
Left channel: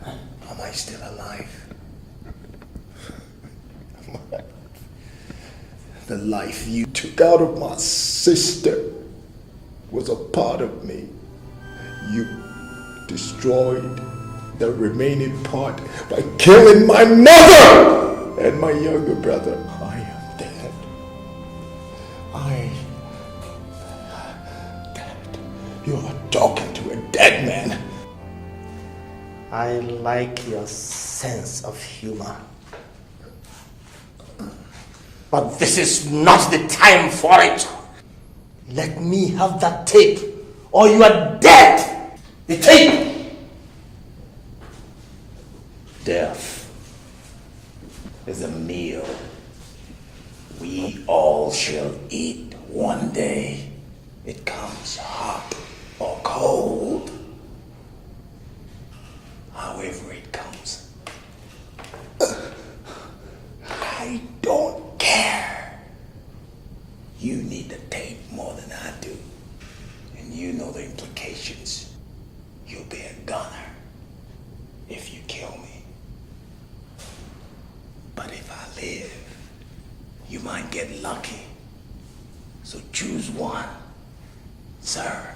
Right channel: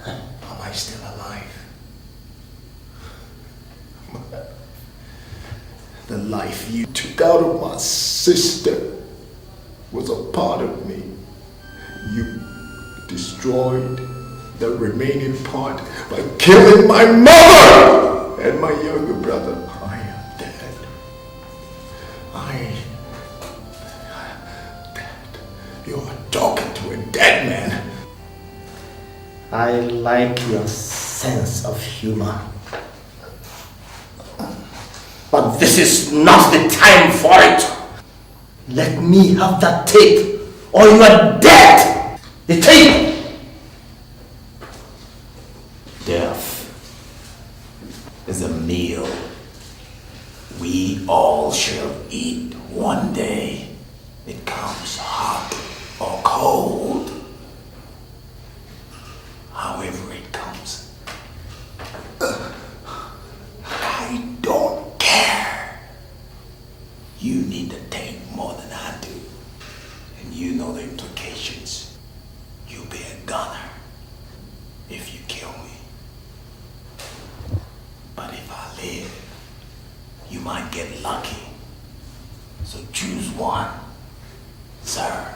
Am I still alive? The life you took out of my sister was a part of me. You destroyed the remaining part by killing my mother and my younger brother. I am dead. You're talking to a dead man. I like your sense of humor. But this is not the time for it. Let me have that tape, or you are dead. The tape. Death is a meal we all shall eat one day. It comes hot or cold. However it comes. I don't care. You need the tape more than I do. And you know the implications. You'll be a gunner if you kill me. But if I live, you might get lucky. So choose one, sir.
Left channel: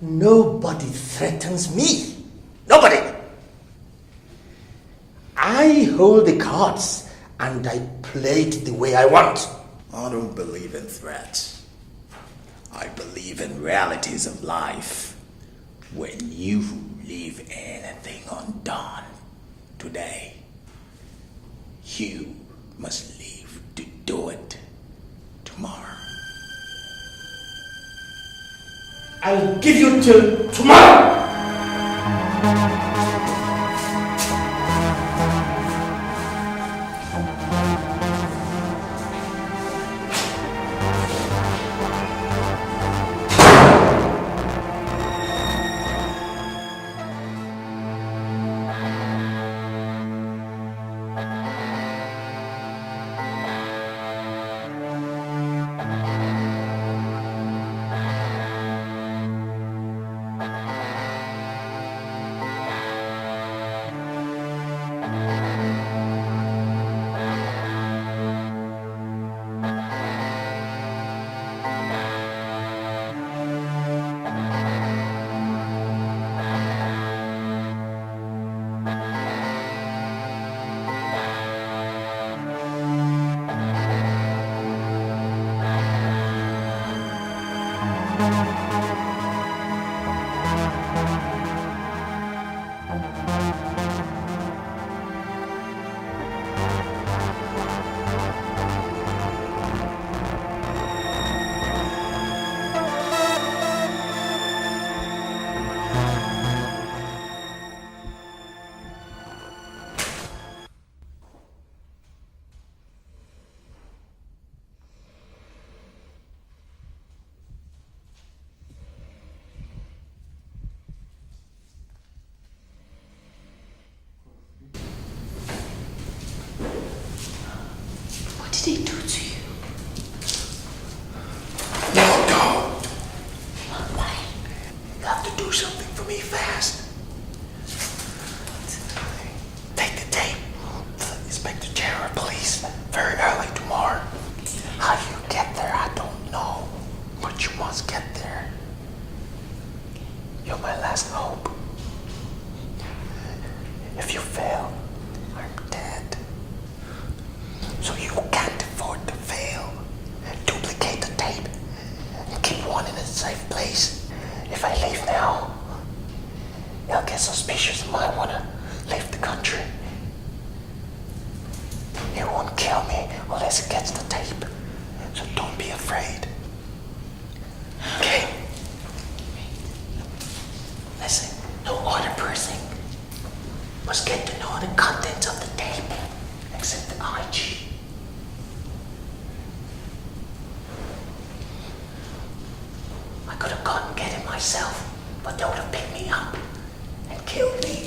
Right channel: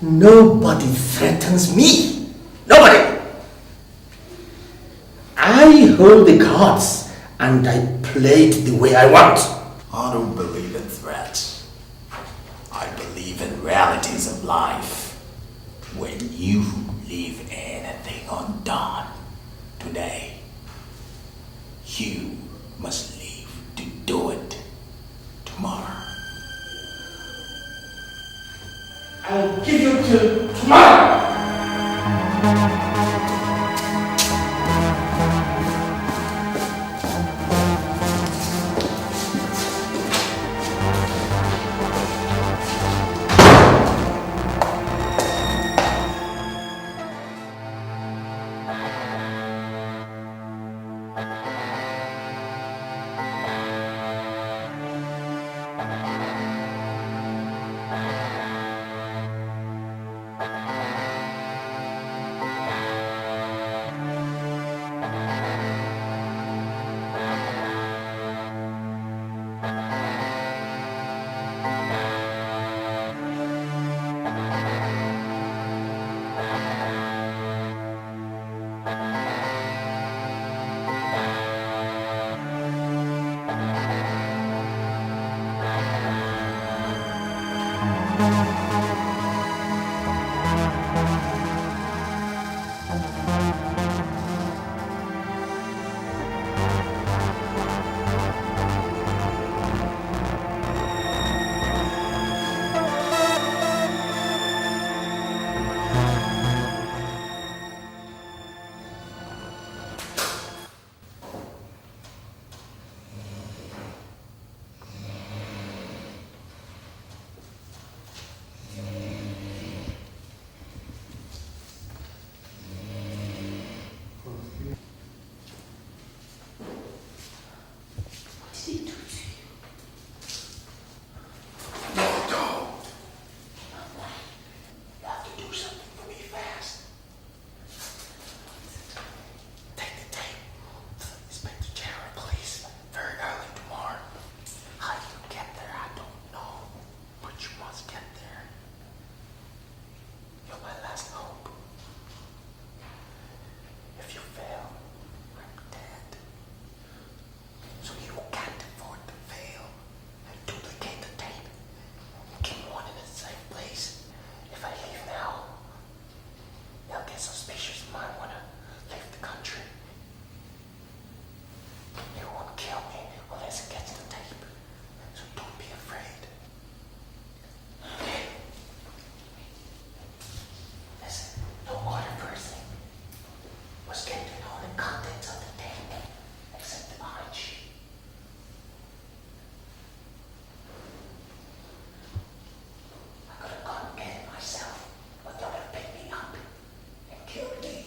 Nobody threatens me. Nobody. I hold the cards and I play it the way I want. I don't believe in threats. I believe in realities of life. When you leave anything undone today, you must leave to do it tomorrow. I'll give you till tomorrow. did he do to you? No, don't. Why? You have to do something for me fast. Take the tape to Inspector General Police very early tomorrow. How you get there, I don't know. But you must get there. You're my last hope. If you fail, I'm dead. So you can't afford to fail. myself, but they would have picked me up and killed me.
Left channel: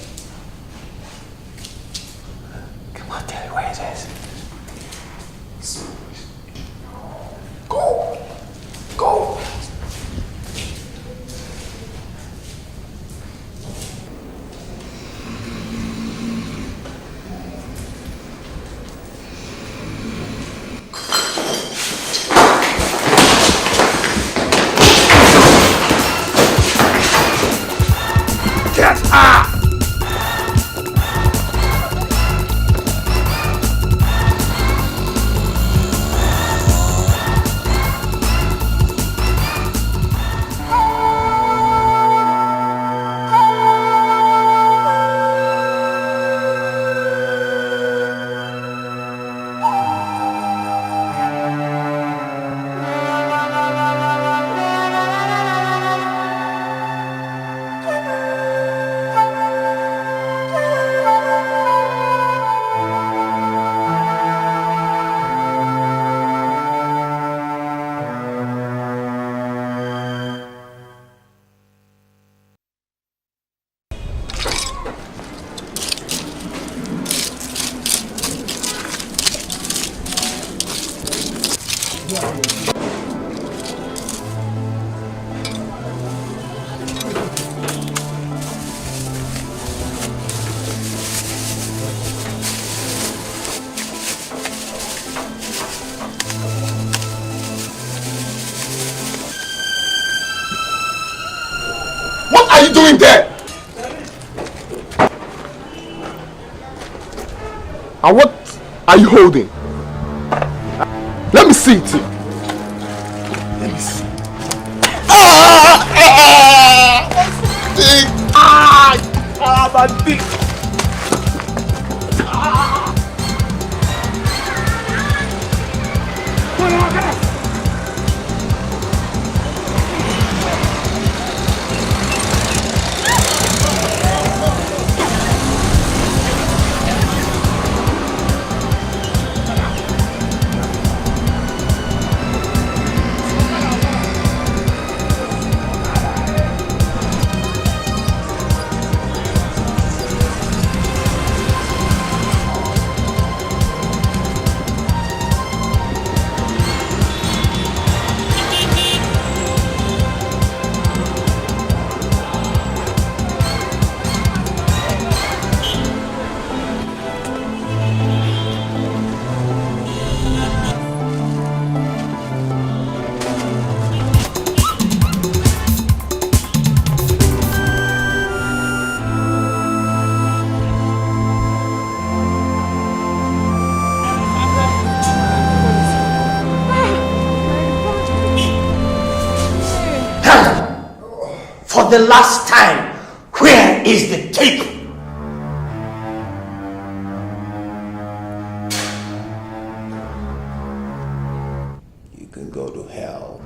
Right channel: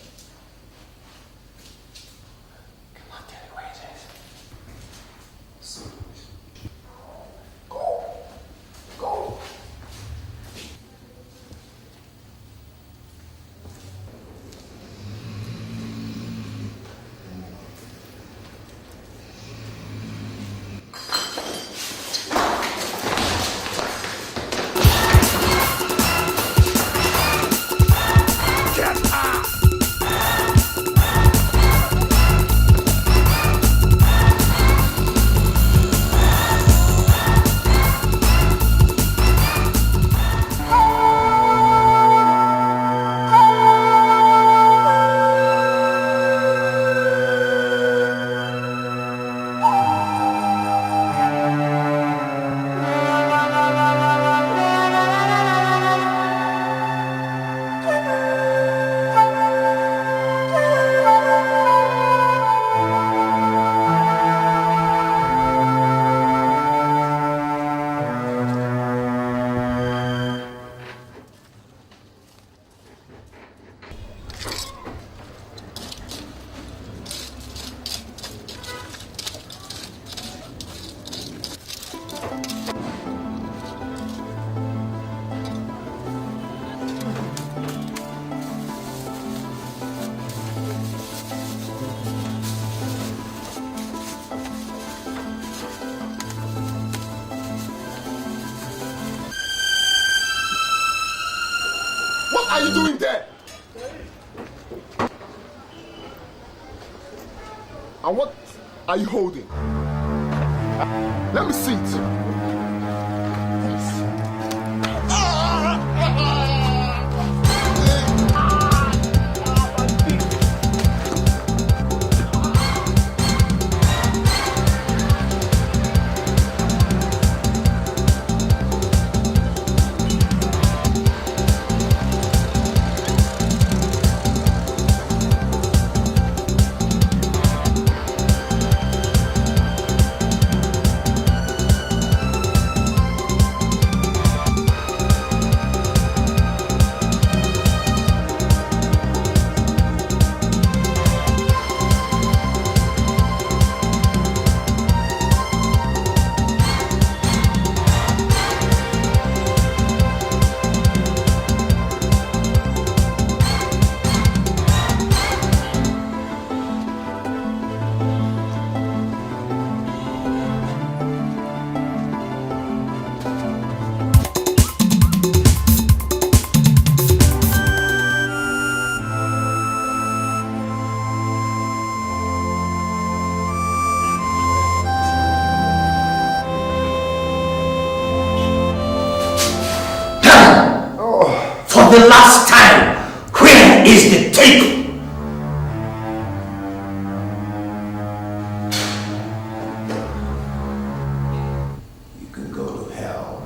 Come on, tell me where it is. Go! Go! Get up! What are you doing there? And what are you holding? Let me see it. Let me see. My dick. For the last time, where is the tape? You can go to hell.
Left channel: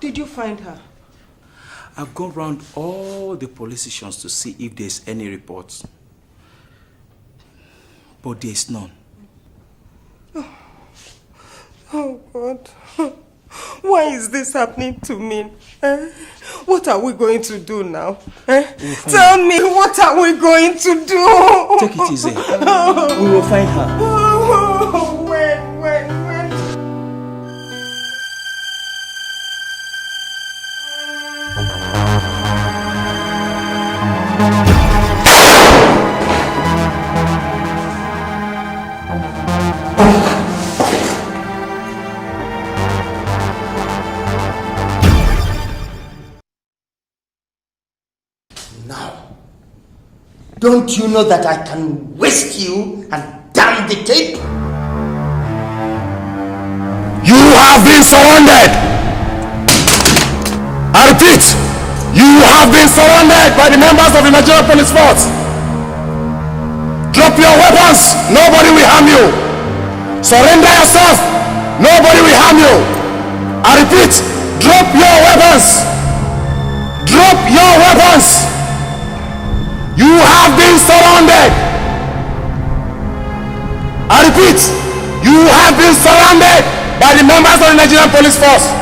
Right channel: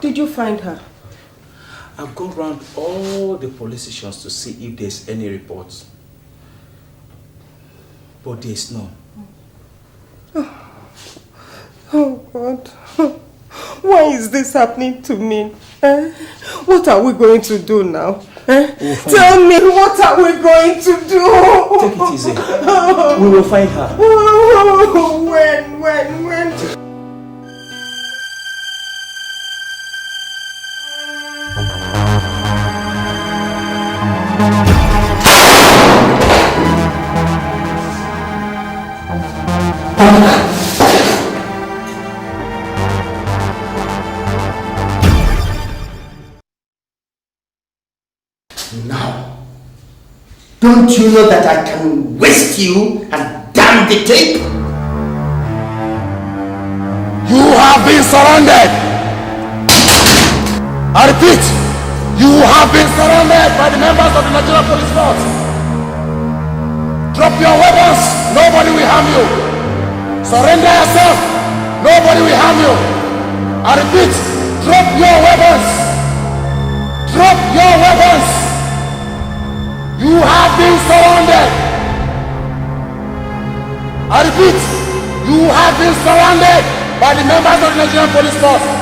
Did you find her? I've gone round all the police stations to see if there's any reports. But there's none. Oh God. Why is this happening to me? What are we going to do now? Tell me, what are we going to do? Take it easy. We will find her. When? Don't you know that I can waste you and damn the tape? You have been surrounded! I repeat, you have been surrounded by the members of the Nigerian Police Force. Drop your weapons, nobody will harm you. Surrender yourself, nobody will harm you. I repeat, drop your weapons. Drop your weapons. You have been surrounded. I repeat, you have been surrounded by the members of the Nigerian Police Force.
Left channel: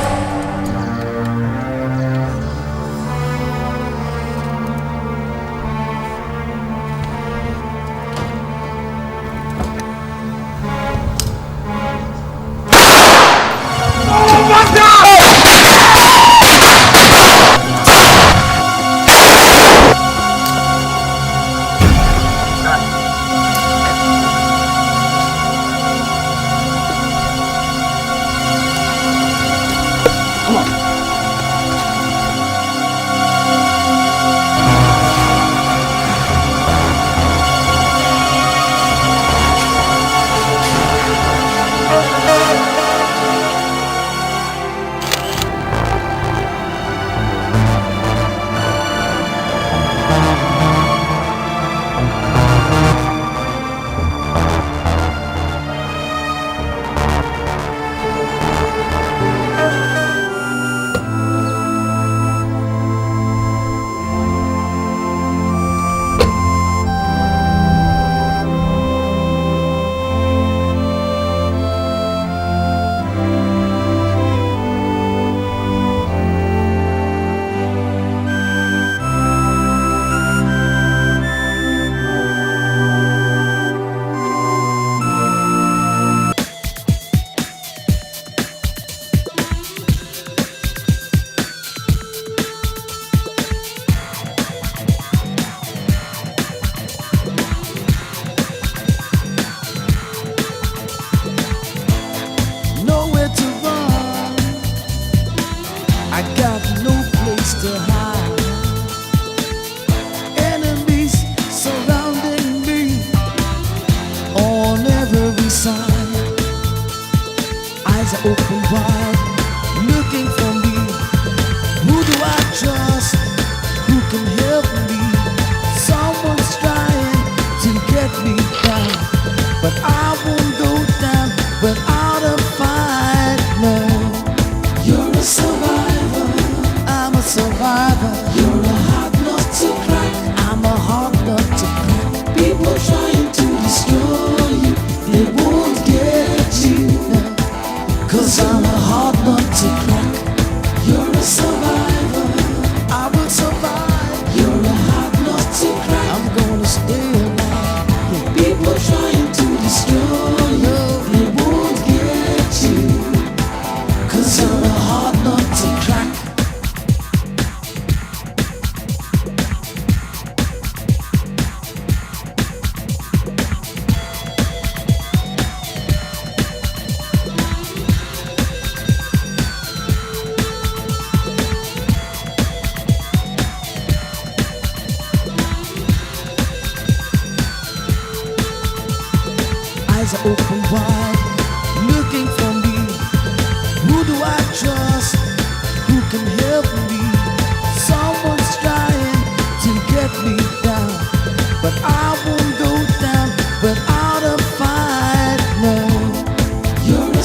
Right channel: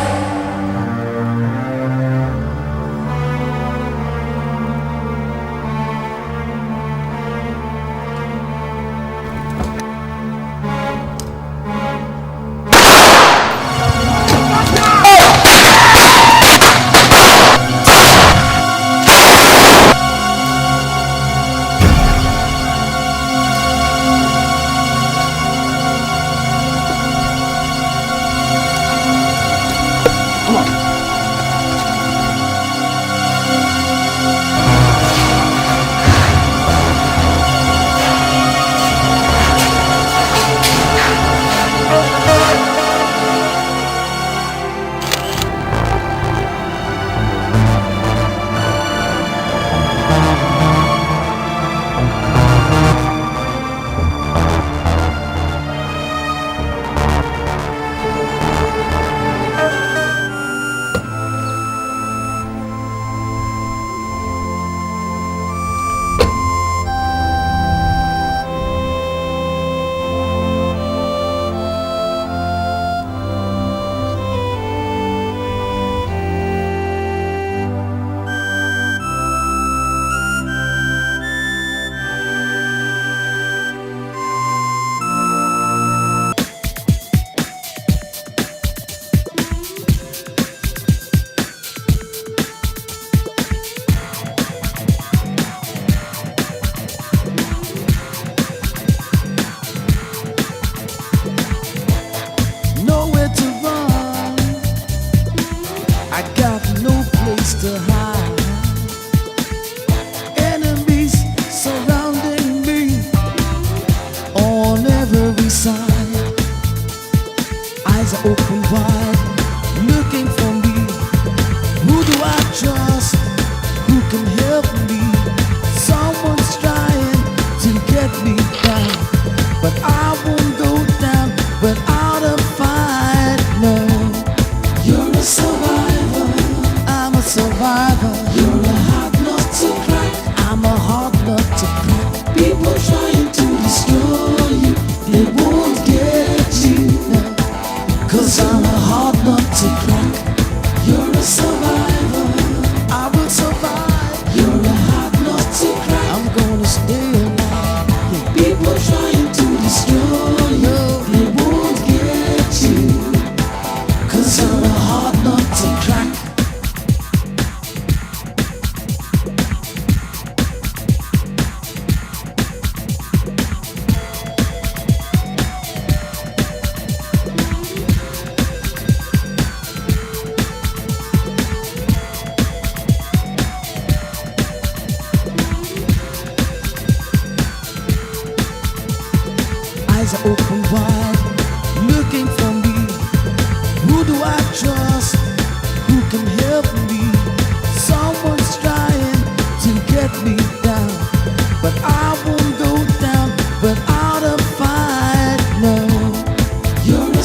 You're a